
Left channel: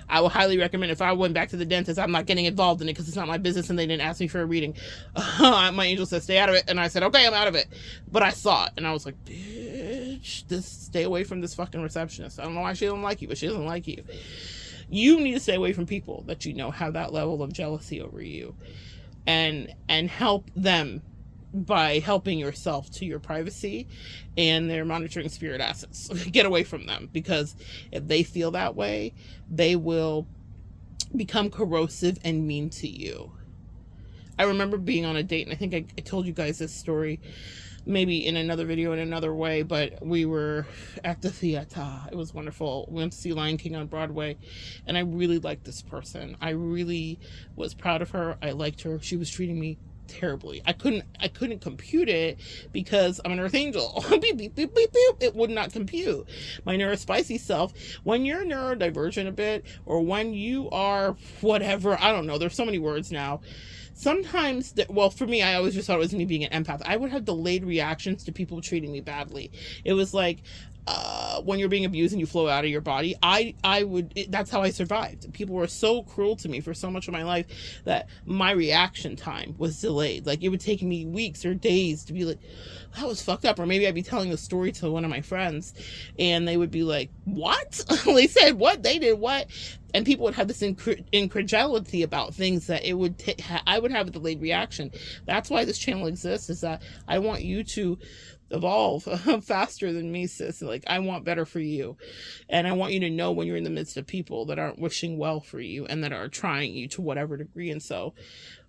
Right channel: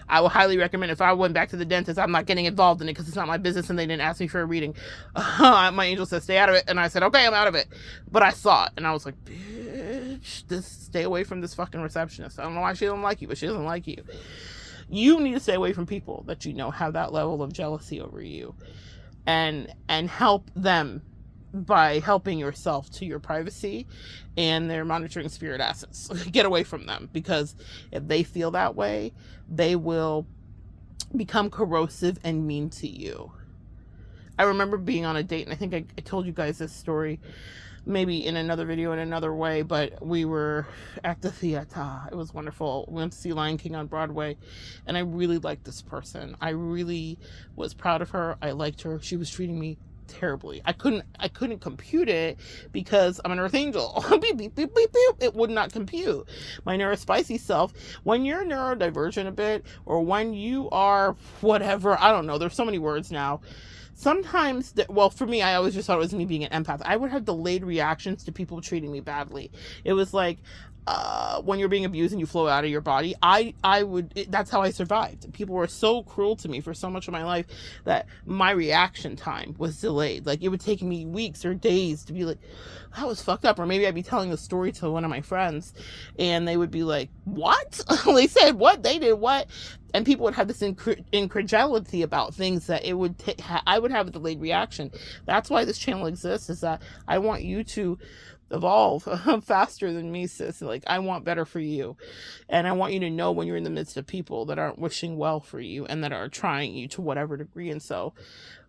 I will highly recommend, if I went back to the dentist, I'm not getting involved in it because it's not my business and they didn't ask me for a reading. My angel said, stay out of it. And I said, okay, I'm out of it. But I saw it and I was like, bitch, stay away from this fucking receptionist. I don't know why she doesn't like you, but she doesn't like you. You need to stay away from people that you know have that level of jealousy over you, and help them by helping yourself to your privacy and their monitoring spirit assets. Get away from them, because if they feel that way, they will become corrosive and mean to you. I remember being on a date, and I think I told you guys this story maybe in another video in another way, but we were at the theater. It was wonderful. We went to see Lion King on Broadway, and I really liked this person. I really was proud of her. I liked her. She was treating me terribly. I couldn't compute it because I'm an earth angel. Beep, beep, beep, beep, beep. It would not compute. My neurospicy self, when you're neurodivergent a bit, or when you are whatever, I don't know, there's so many words now. Sometimes, well, for me, I always just thought it was me being an empath. I would have delayed reactions to people treating me badly. It was like, when you're being abused and you flow out of your body, that's how I survived. People were so cruel to me for so much of my life that my reaction time was delayed. Like, it would take me weeks or days to be like, that was fucked up. Or maybe I'd be telling a story to one of my friends and they would be like, what? They said what? They did what? And people would have this incredulity about things that it would I would have a delayed reaction. That's why this channel exists, is that I want you to evolve faster than me, sis. Like, I want better for you, and I want you to know when you're in the midst of people that aren't wishing well for you and that are trying you to whatever degree. And so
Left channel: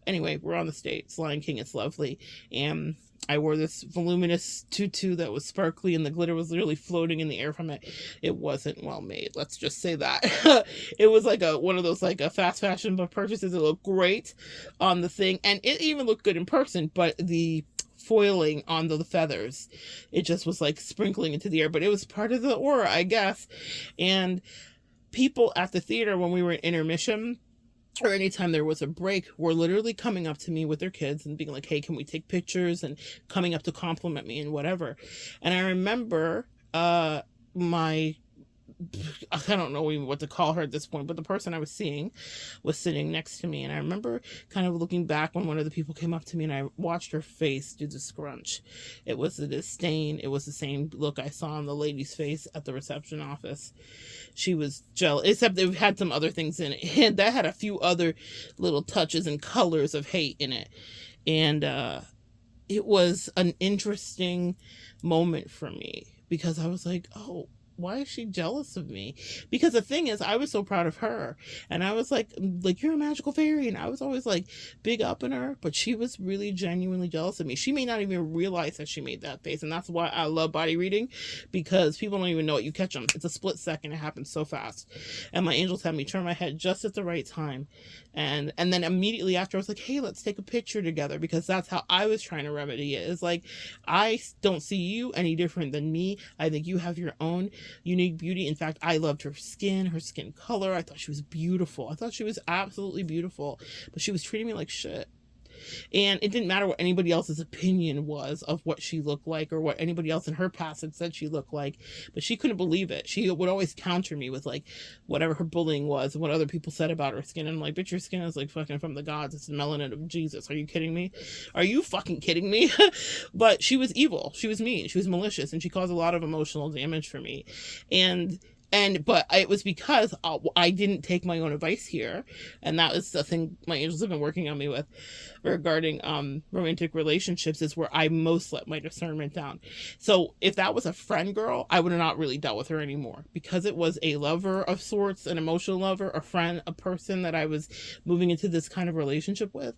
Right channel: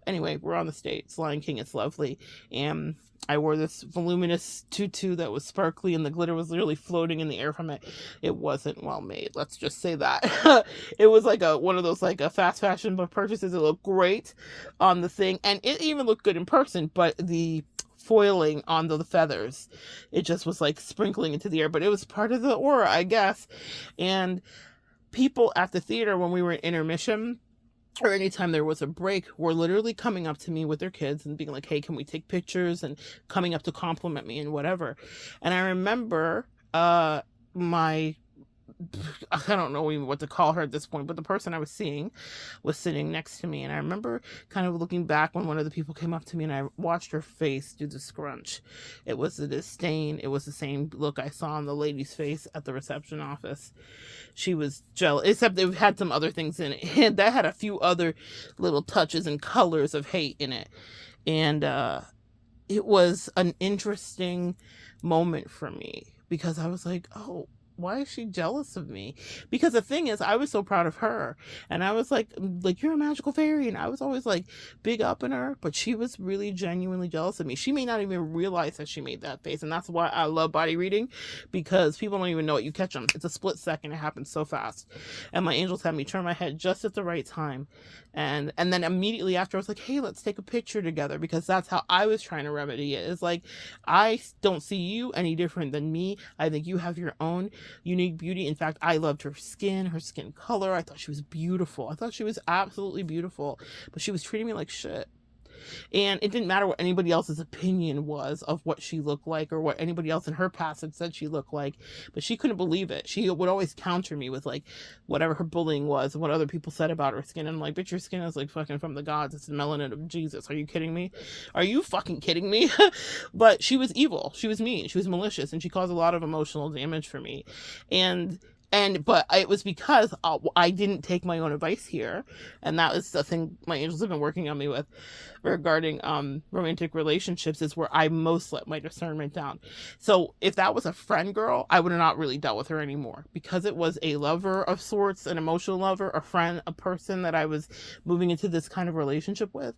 anyway, we're on the States. Lion King, it's lovely. And I wore this voluminous tutu that was sparkly, and the glitter was literally floating in the air from it. It wasn't well made, let's just say that. It was like one of those like a fast fashion purchases. It looked great on the thing, and it even looked good in person, but the foiling on the feathers, it just was like sprinkling into the air, but it was part of the aura, I guess. And people at the theater, when we were in intermission, or anytime there was a break, were literally coming up to me with their kids and being like, hey, can we take pictures, and coming up to compliment me and whatever. And I remember I don't know even what to call her at this point, but the person I was seeing was sitting next to me. And I remember kind of looking back when one of the people came up to me and I watched her face do the scrunch. It was the disdain. It was the same look I saw on the lady's face at the reception office. She was jealous, except they've had some other things in it. And that had a few other little touches and colors of hate in it. And it was an interesting moment for me, because I was like, oh, why is she jealous of me? Because the thing is, I was so proud of her, and I was like, you're a magical fairy, and I was always like big up in her, but she was really genuinely jealous of me. She may not even realize that she made that face, and that's why I love body reading, because people don't even know it. You catch them. It's a split second. It happens so fast. And my angels had me turn my head just at the right time. And then immediately after, I was like, hey, let's take a picture together, because that's how I was trying to remedy it. It's like, I don't see you any different than me. I think you have your own unique beauty. In fact, I loved her skin color. I thought she was beautiful. I thought she was absolutely beautiful, but she was treating me like shit. And it didn't matter what anybody else's opinion was of what she looked like, or what anybody else in her past had said she looked like, but she couldn't believe it. She would always counter me with like whatever her bullying was and what other people said about her skin. And I'm like, bitch, your skin is like fucking from the gods. It's the melanin of Jesus. Are you kidding me? Are you fucking kidding me? But she was evil. She was mean. She was malicious, and she caused a lot of emotional damage for me. But it was because I didn't take my own advice here. And that was the thing my angels have been working on me with regarding romantic relationships, is where I most let my discernment down. So if that was a friend girl, I would have not really dealt with her anymore, because it was a lover of sorts, an emotional lover, a friend, a person that I was moving into this kind of relationship with.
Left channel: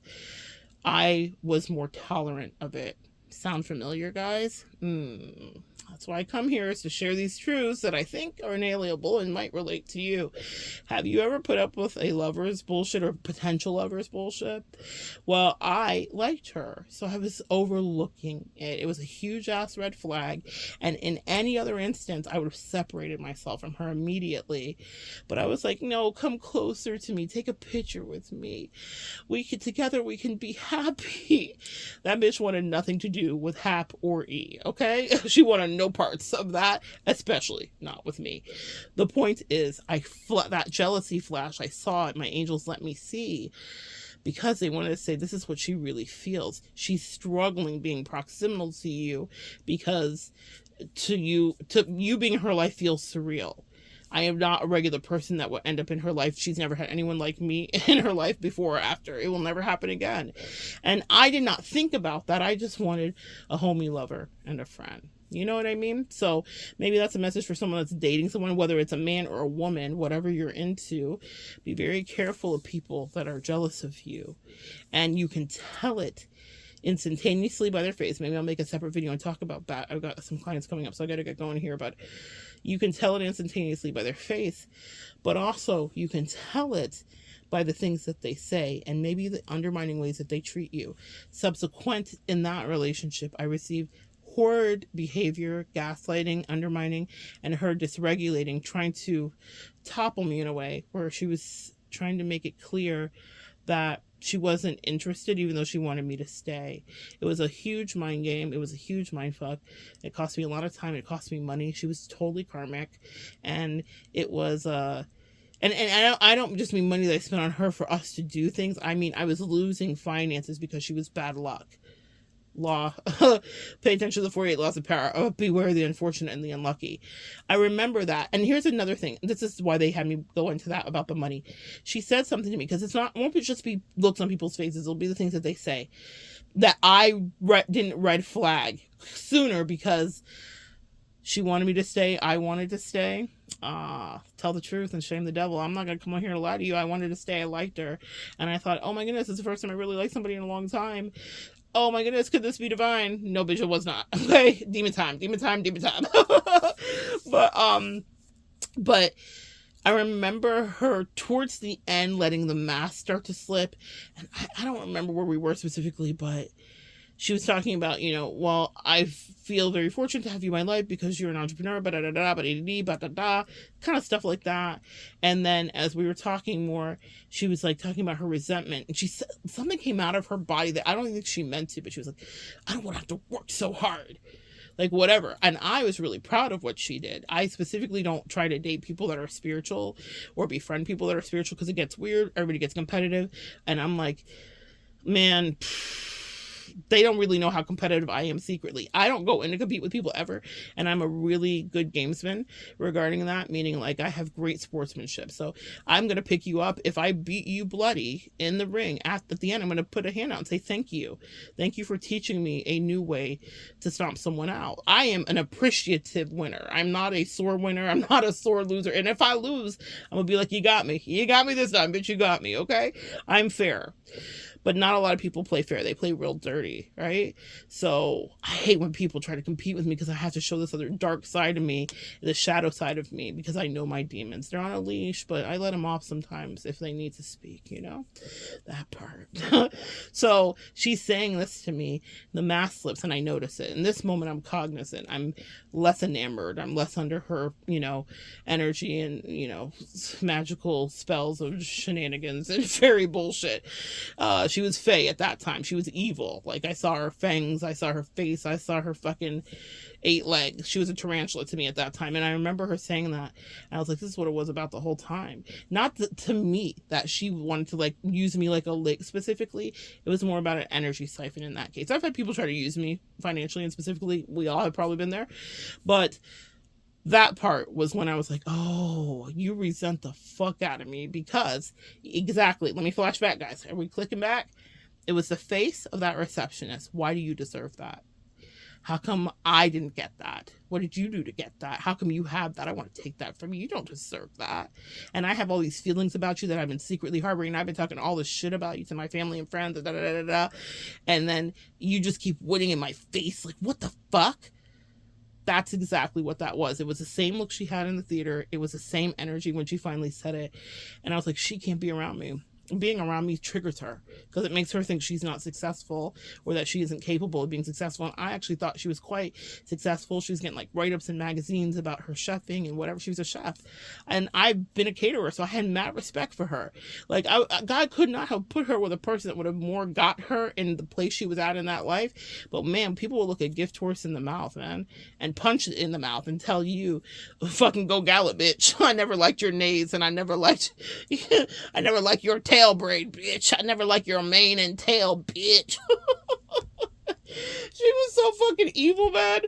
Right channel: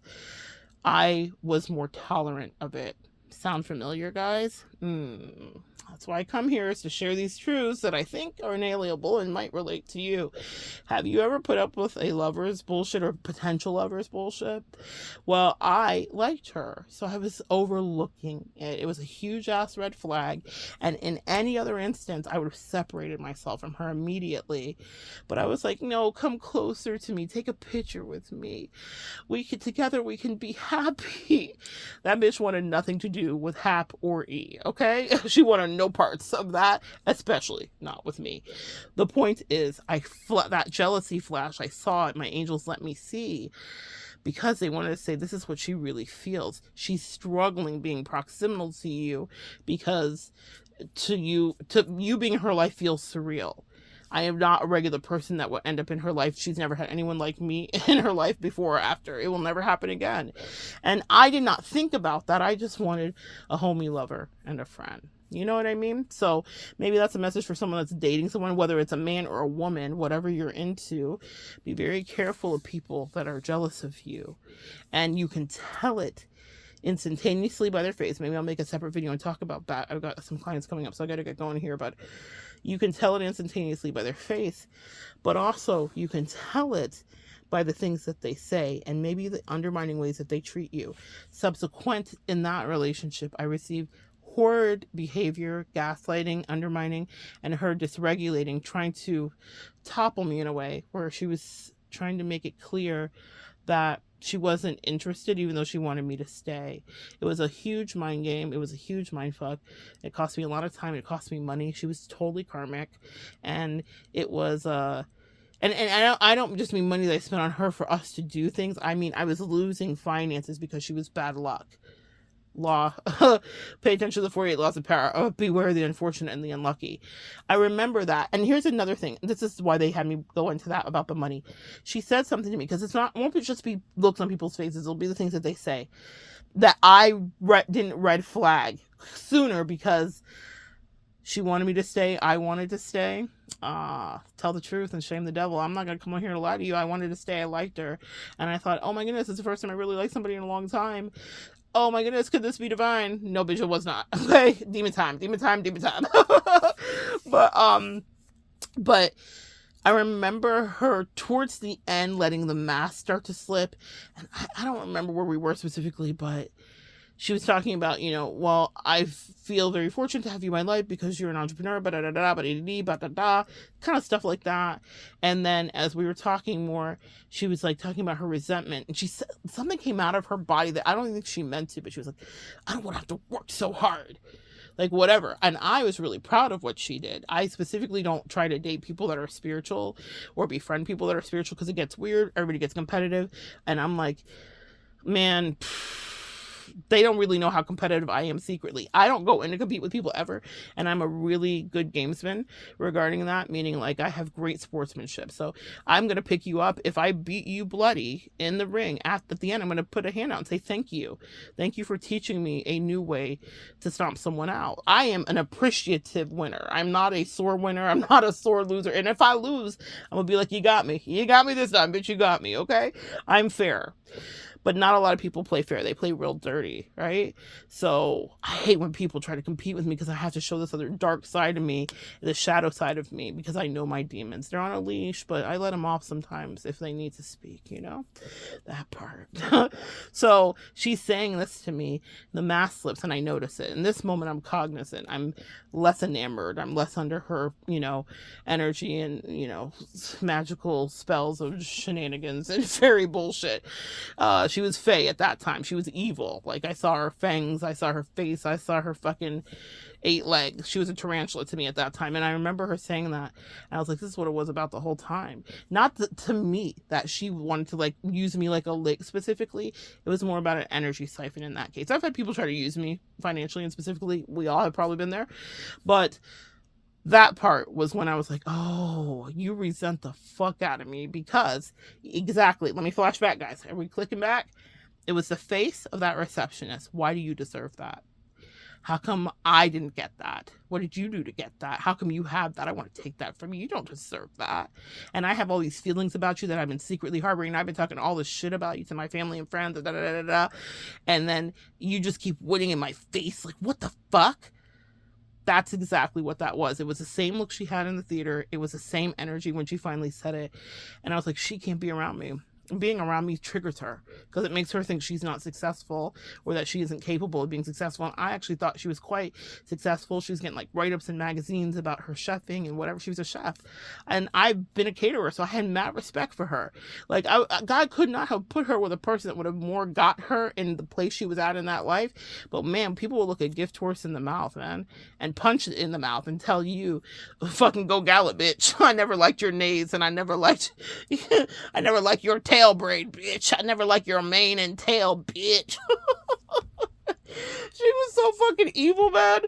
I was more tolerant of it. Sound familiar, guys? That's why I come here, is to share these truths that I think are inalienable and might relate to you. Have you ever put up with a lover's bullshit or potential lover's bullshit? Well, I liked her, so I was overlooking it. It was a huge ass red flag, and in any other instance, I would have separated myself from her immediately. But I was like, no, come closer to me, take a picture with me. Together we can be happy. That bitch wanted nothing to do with Hap or E, okay? She wanted no parts of that, especially not with me. The point is, that jealousy flash, I saw it, my angels let me see, because they wanted to say, this is what she really feels. She's struggling being proximal to you, because to you being in her life feels surreal. I am not a regular person that will end up in her life. She's never had anyone like me in her life before or after. It will never happen again. And I did not think about that. I just wanted a homie lover and a friend. You know what I mean? So maybe that's a message for someone that's dating someone, whether it's a man or a woman, whatever you're into. Be very careful of people that are jealous of you. And you can tell it instantaneously by their face. Maybe I'll make a separate video and talk about that. I've got some clients coming up, so I got to get going here. But you can tell it instantaneously by their face, but also you can tell it by the things that they say and maybe the undermining ways that they treat you. Subsequent in that relationship, I received horrid behavior, gaslighting, undermining, and her dysregulating, trying to topple me in a way where she was trying to make it clear that she wasn't interested, even though she wanted me to stay. It was a huge mind game. It was a huge mind fuck. It cost me a lot of time. It cost me money. She was totally karmic. And it was, and I don't just mean money that I spent on her for us to do things. I mean, I was losing finances because she was bad luck. Law. Pay attention to the 48 laws of power. Oh, beware the unfortunate and the unlucky. I remember that. And here's another thing. This is why they had me go into that about the money. She said something to me, because it won't just be looks on people's faces. It'll be the things that they say that I didn't red flag sooner, because she wanted me to stay. I wanted to stay. Tell the truth and shame the devil. I'm not going to come on here and lie to you. I wanted to stay. I liked her. And I thought, oh my goodness, it's the first time I really liked somebody in a long time. Oh my goodness, could this be divine? No, bitch, it was not. Okay, demon time. But I remember her towards the end letting the mask start to slip, and I don't remember where we were specifically, but she was talking about, well, I feel very fortunate to have you in my life because you're an entrepreneur, kind of stuff like that. And then as we were talking more, she was like talking about her resentment, and she said something came out of her body that I don't think she meant to, but she was like, I don't want to have to work so hard. Like, whatever. And I was really proud of what she did. I specifically don't try to date people that are spiritual or befriend people that are spiritual, because it gets weird. Everybody gets competitive. And I'm like, man, they don't really know how competitive I am secretly. I don't go in to compete with people ever, and I'm a really good gamesman regarding that, meaning like I have great sportsmanship. So I'm going to pick you up. If I beat you bloody in the ring, at the end, I'm going to put a hand out and say, thank you. Thank you for teaching me a new way to stomp someone out. I am an appreciative winner. I'm not a sore winner. I'm not a sore loser. And if I lose, I'm going to be like, you got me. You got me this time, bitch. You got me. Okay. I'm fair. But not a lot of people play fair. They play real dirty, right? So I hate when people try to compete with me, because I have to show this other dark side of me, the shadow side of me, because I know my demons. They're on a leash, but I let them off sometimes if they need to speak, that part. So she's saying this to me, the mask slips, and I notice it. In this moment, I'm cognizant. I'm less enamored. I'm less under her, energy and, magical spells of shenanigans and fairy bullshit. She was Fae at that time. She was evil. Like, I saw her fangs. I saw her face. I saw her fucking 8 legs. She was a tarantula to me at that time. And I remember her saying that. And I was like, this is what it was about the whole time. Not to me that she wanted to, like, use me like a lick specifically. It was more about an energy siphon in that case. I've had people try to use me financially, and specifically, we all have probably been there. But that part was when I was like, oh, you resent the fuck out of me, because exactly, let me flash back, guys. Are we clicking back? It was the face of that receptionist. Why do you deserve that? How come I didn't get that? What did you do to get that? How come you have that? I want to take that from you. You don't deserve that. And I have all these feelings about you that I've been secretly harboring. I've been talking all this shit about you to my family and friends. Da, da, da, da, da. And then you just keep winning in my face. Like, what the fuck? That's exactly what that was. It was the same look she had in the theater. It was the same energy when she finally said it. And I was like, she can't be around me. Being around me triggers her because it makes her think she's not successful or that she isn't capable of being successful. And I actually thought she was quite successful. She was getting like write-ups in magazines about her chefing and whatever. She was a chef. And I've been a caterer, so I had mad respect for her. Like, God could not have put her with a person that would have more got her in the place she was at in that life. But man, people will look a gift horse in the mouth, man, and punch it in the mouth and tell you, fucking go gallop, bitch. I never liked your nays, and I never liked your tail braid, bitch. I never liked your mane and tail, bitch. She was so fucking evil, man,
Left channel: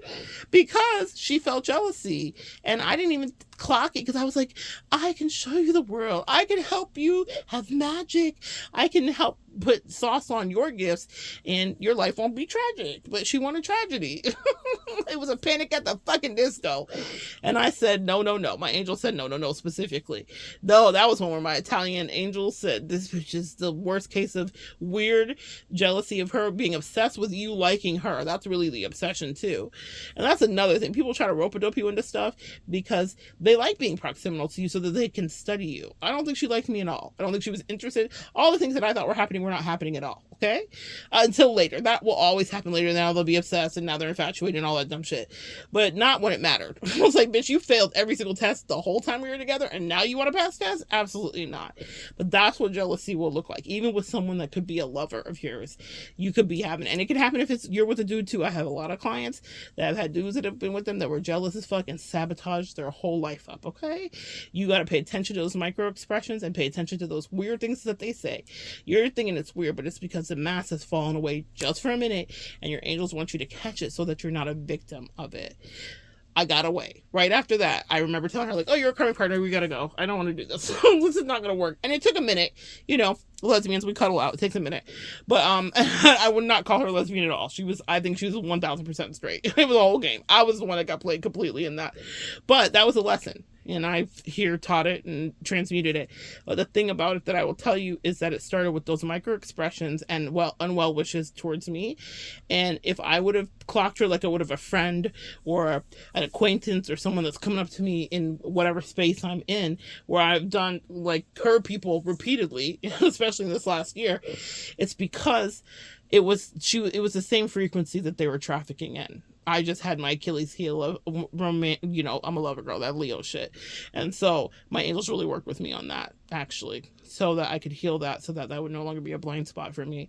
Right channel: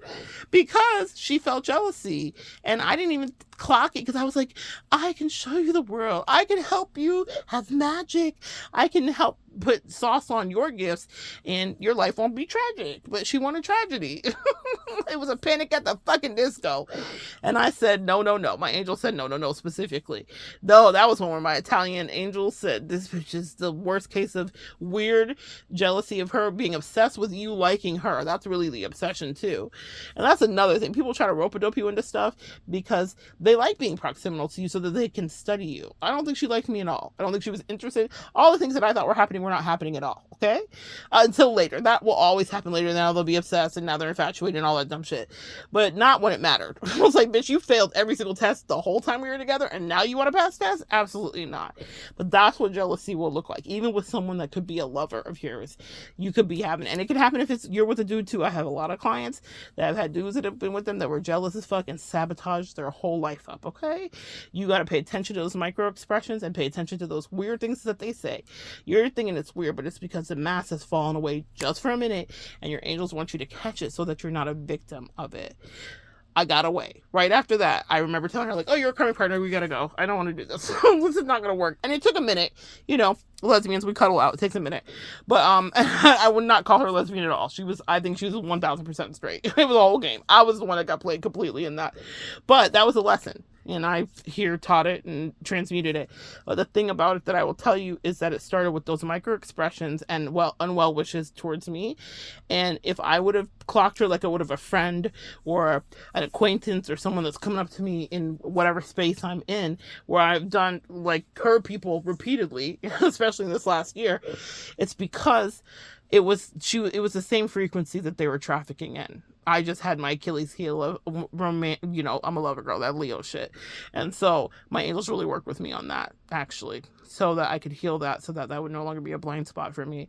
because she felt jealousy. And I didn't even clock it because I was like, I can show you the world. I can help you have magic. I can help put sauce on your gifts and your life won't be tragic. But she wanted tragedy. It was a Panic at the fucking Disco. And I said, no, no, no. My angel said, no, no, no, specifically. No, that was one where my Italian angel said, this was just the worst case of weird jealousy of her being obsessed with you liking her. That's really the obsession too. And that's another thing. People try to rope-a-dope you into stuff because they like being proximal to you so that they can study you. I don't think she liked me at all. I don't think she was interested. All the things that I thought were happening were not happening at all. Okay? Until later. That will always happen later. Now they'll be obsessed and now they're infatuated and all that dumb shit. But not when it mattered. I was like, bitch, you failed every single test the whole time we were together and now you want to pass tests? Absolutely not. But that's what jealousy will look like. Even with someone that could be a lover of yours. You could be having, and it could happen if you're with a dude too. I have a lot of clients that have had dudes that have been with them that were jealous as fuck and sabotaged their whole life up, okay? You got to pay attention to those micro expressions and pay attention to those weird things that they say. You're thinking it's weird, but it's because the mask has fallen away just for a minute and your angels want you to catch it so that you're not a victim of it. I got away. Right after that, I remember telling her, like, oh, you're a current partner, we gotta go. I don't want to do this. This is not gonna work. And it took a minute. You know, lesbians, we cuddle out. It takes a minute. But I would not call her lesbian at all. I think she was 1000% straight. It was a whole game. I was the one that got played completely in that. But that was a lesson. And I here taught it and transmuted it. But the thing about it that I will tell you is that it started with those micro expressions and unwell wishes towards me. And if I would have clocked her like I would have a friend or an acquaintance or someone that's coming up to me in whatever space I'm in, where I've done like curb people repeatedly, especially in this last year, it's because it was the same frequency that they were trafficking in. I just had my Achilles heel of I'm a lover girl, that Leo shit. And so my angels really worked with me on that, actually, so that I could heal that, so that would no longer be a blind spot for me.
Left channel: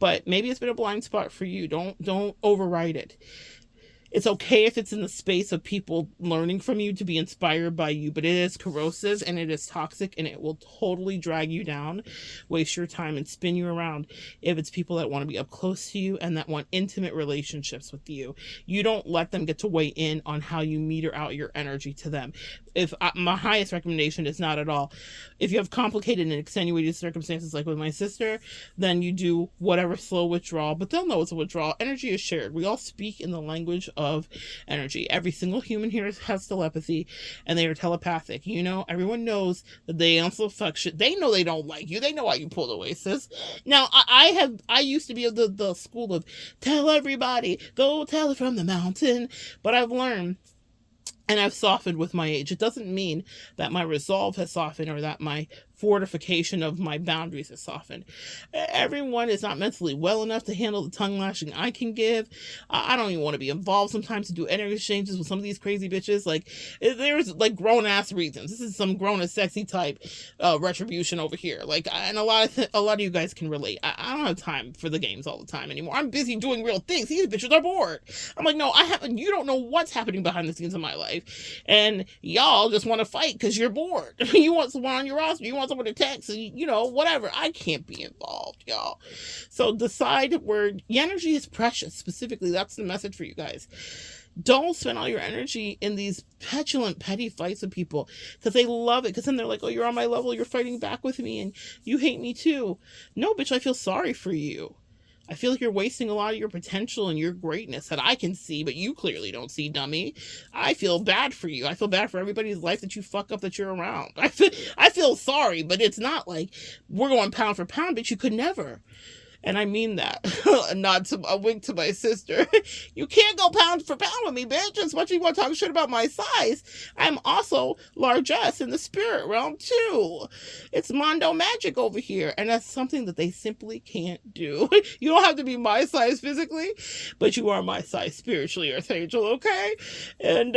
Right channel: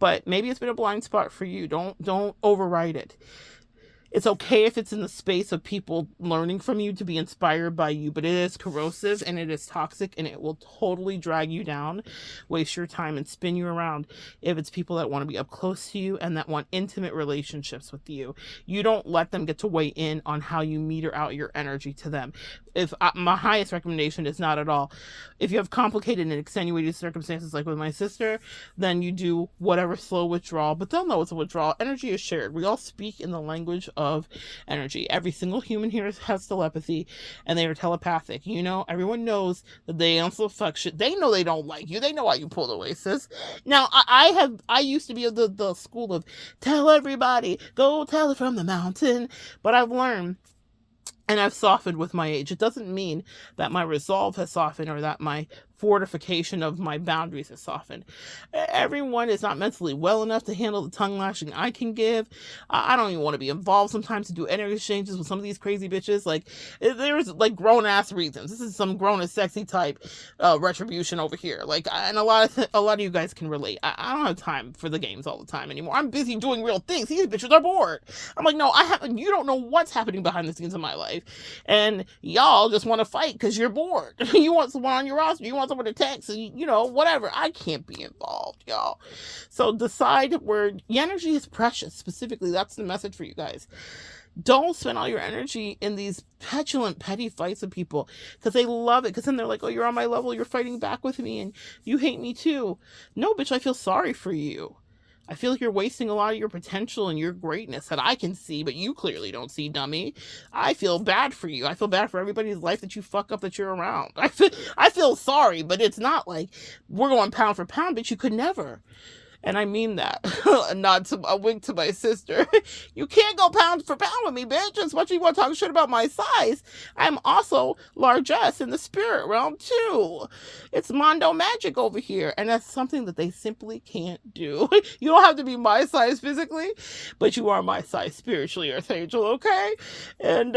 But maybe it's been a blind spot for you. Don't override it. It's okay if it's in the space of people learning from you to be inspired by you, but it is corrosive and it is toxic and it will totally drag you down, waste your time and spin you around if it's people that want to be up close to you and that want intimate relationships with you. You don't let them get to weigh in on how you meter out your energy to them. My highest recommendation is not at all. If you have complicated and extenuating circumstances like with my sister, then you do whatever slow withdrawal, but they'll know it's a withdrawal. Energy is shared. We all speak in the language of energy. Every single human here has telepathy and they are telepathic. Everyone knows that they also fuck shit. They know they don't like you. They know why you pulled away, sis. Now, I used to be of the school of tell everybody, go tell it from the mountain, but I've learned and I've softened with my age. It doesn't mean that my resolve has softened or that my fortification of my boundaries has softened. Everyone is not mentally well enough to handle the tongue lashing I can give. I don't even want to be involved sometimes to do energy exchanges with some of these crazy bitches. Like, there's like grown ass reasons. This is some grown and sexy type retribution over here. Like, and a lot of you guys can relate. I don't have time for the games all the time anymore. I'm busy doing real things. These bitches are bored. I'm like, no, you don't know what's happening behind the scenes of my life, and y'all just want to fight because you're bored. You want someone on your roster. You want someone to text, whatever. I can't be involved, y'all. So decide where your energy is precious. Specifically, that's the message for you guys. Don't spend all your energy in these petulant, petty fights with people because they love it. Because then they're like, oh, you're on my level. You're fighting back with me and you hate me too. No, bitch, I feel sorry for you. I feel like you're wasting a lot of your potential and your greatness that I can see, but you clearly don't see, dummy. I feel bad for you. I feel bad for everybody's life that you fuck up that you're around. I feel sorry, but it's not like we're going pound for pound, but you could never. And I mean that. Not to a wink to my sister. You can't go pound for pound with me, bitch. As much as you want to talk shit about my size, I'm also largesse in the spirit realm too. It's Mondo magic over here. And that's something that they simply can't do. You don't have to be my size physically, but you are my size spiritually, Earth Angel, okay? And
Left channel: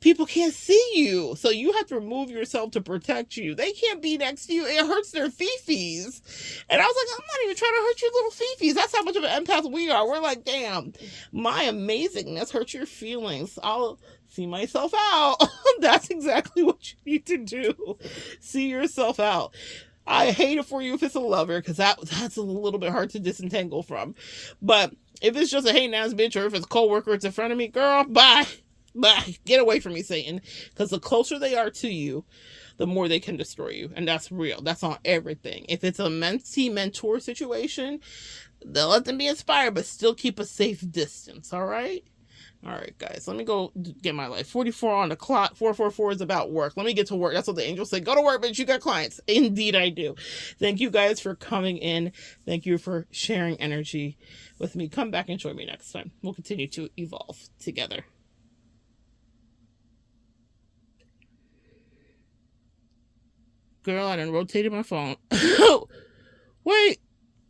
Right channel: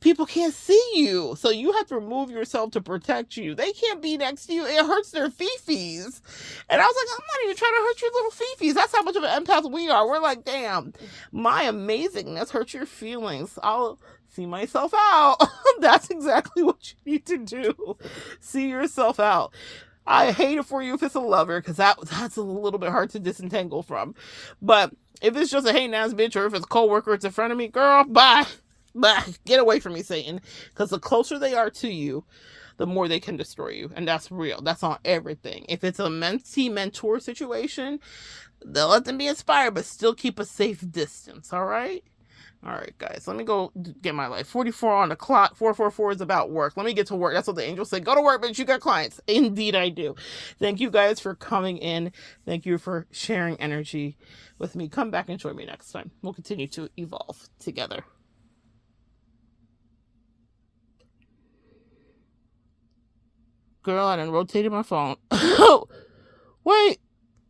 people can't see you. So you have to remove yourself to protect you. They can't be next to you. It hurts their fifis. And I was like, I'm not even trying to hurt your little fifis. That's how much of an empath we are. We're like, damn, my amazingness hurts your feelings. I'll see myself out. That's exactly what you need to do. See yourself out. I hate it for you if it's a lover, because that's a little bit hard to disentangle from. But if it's just a hating ass bitch, or if it's a coworker, it's in front of me, girl, bye. Bye. Get away from me, Satan. Because the closer they are to you, the more they can destroy you. And that's real. That's on everything. If it's a mentee-mentor situation, they'll let them be inspired, but still keep a safe distance, all right? All right, guys, let me go get my life. 44 on the clock. 444 is about work. Let me get to work. That's what the angel said. Go to work, but you got clients. Indeed, I do. Thank you guys for coming in. Thank you for sharing energy with me. Come back and join me next time. We'll continue to evolve together. Girl, I done rotated my phone. Wait.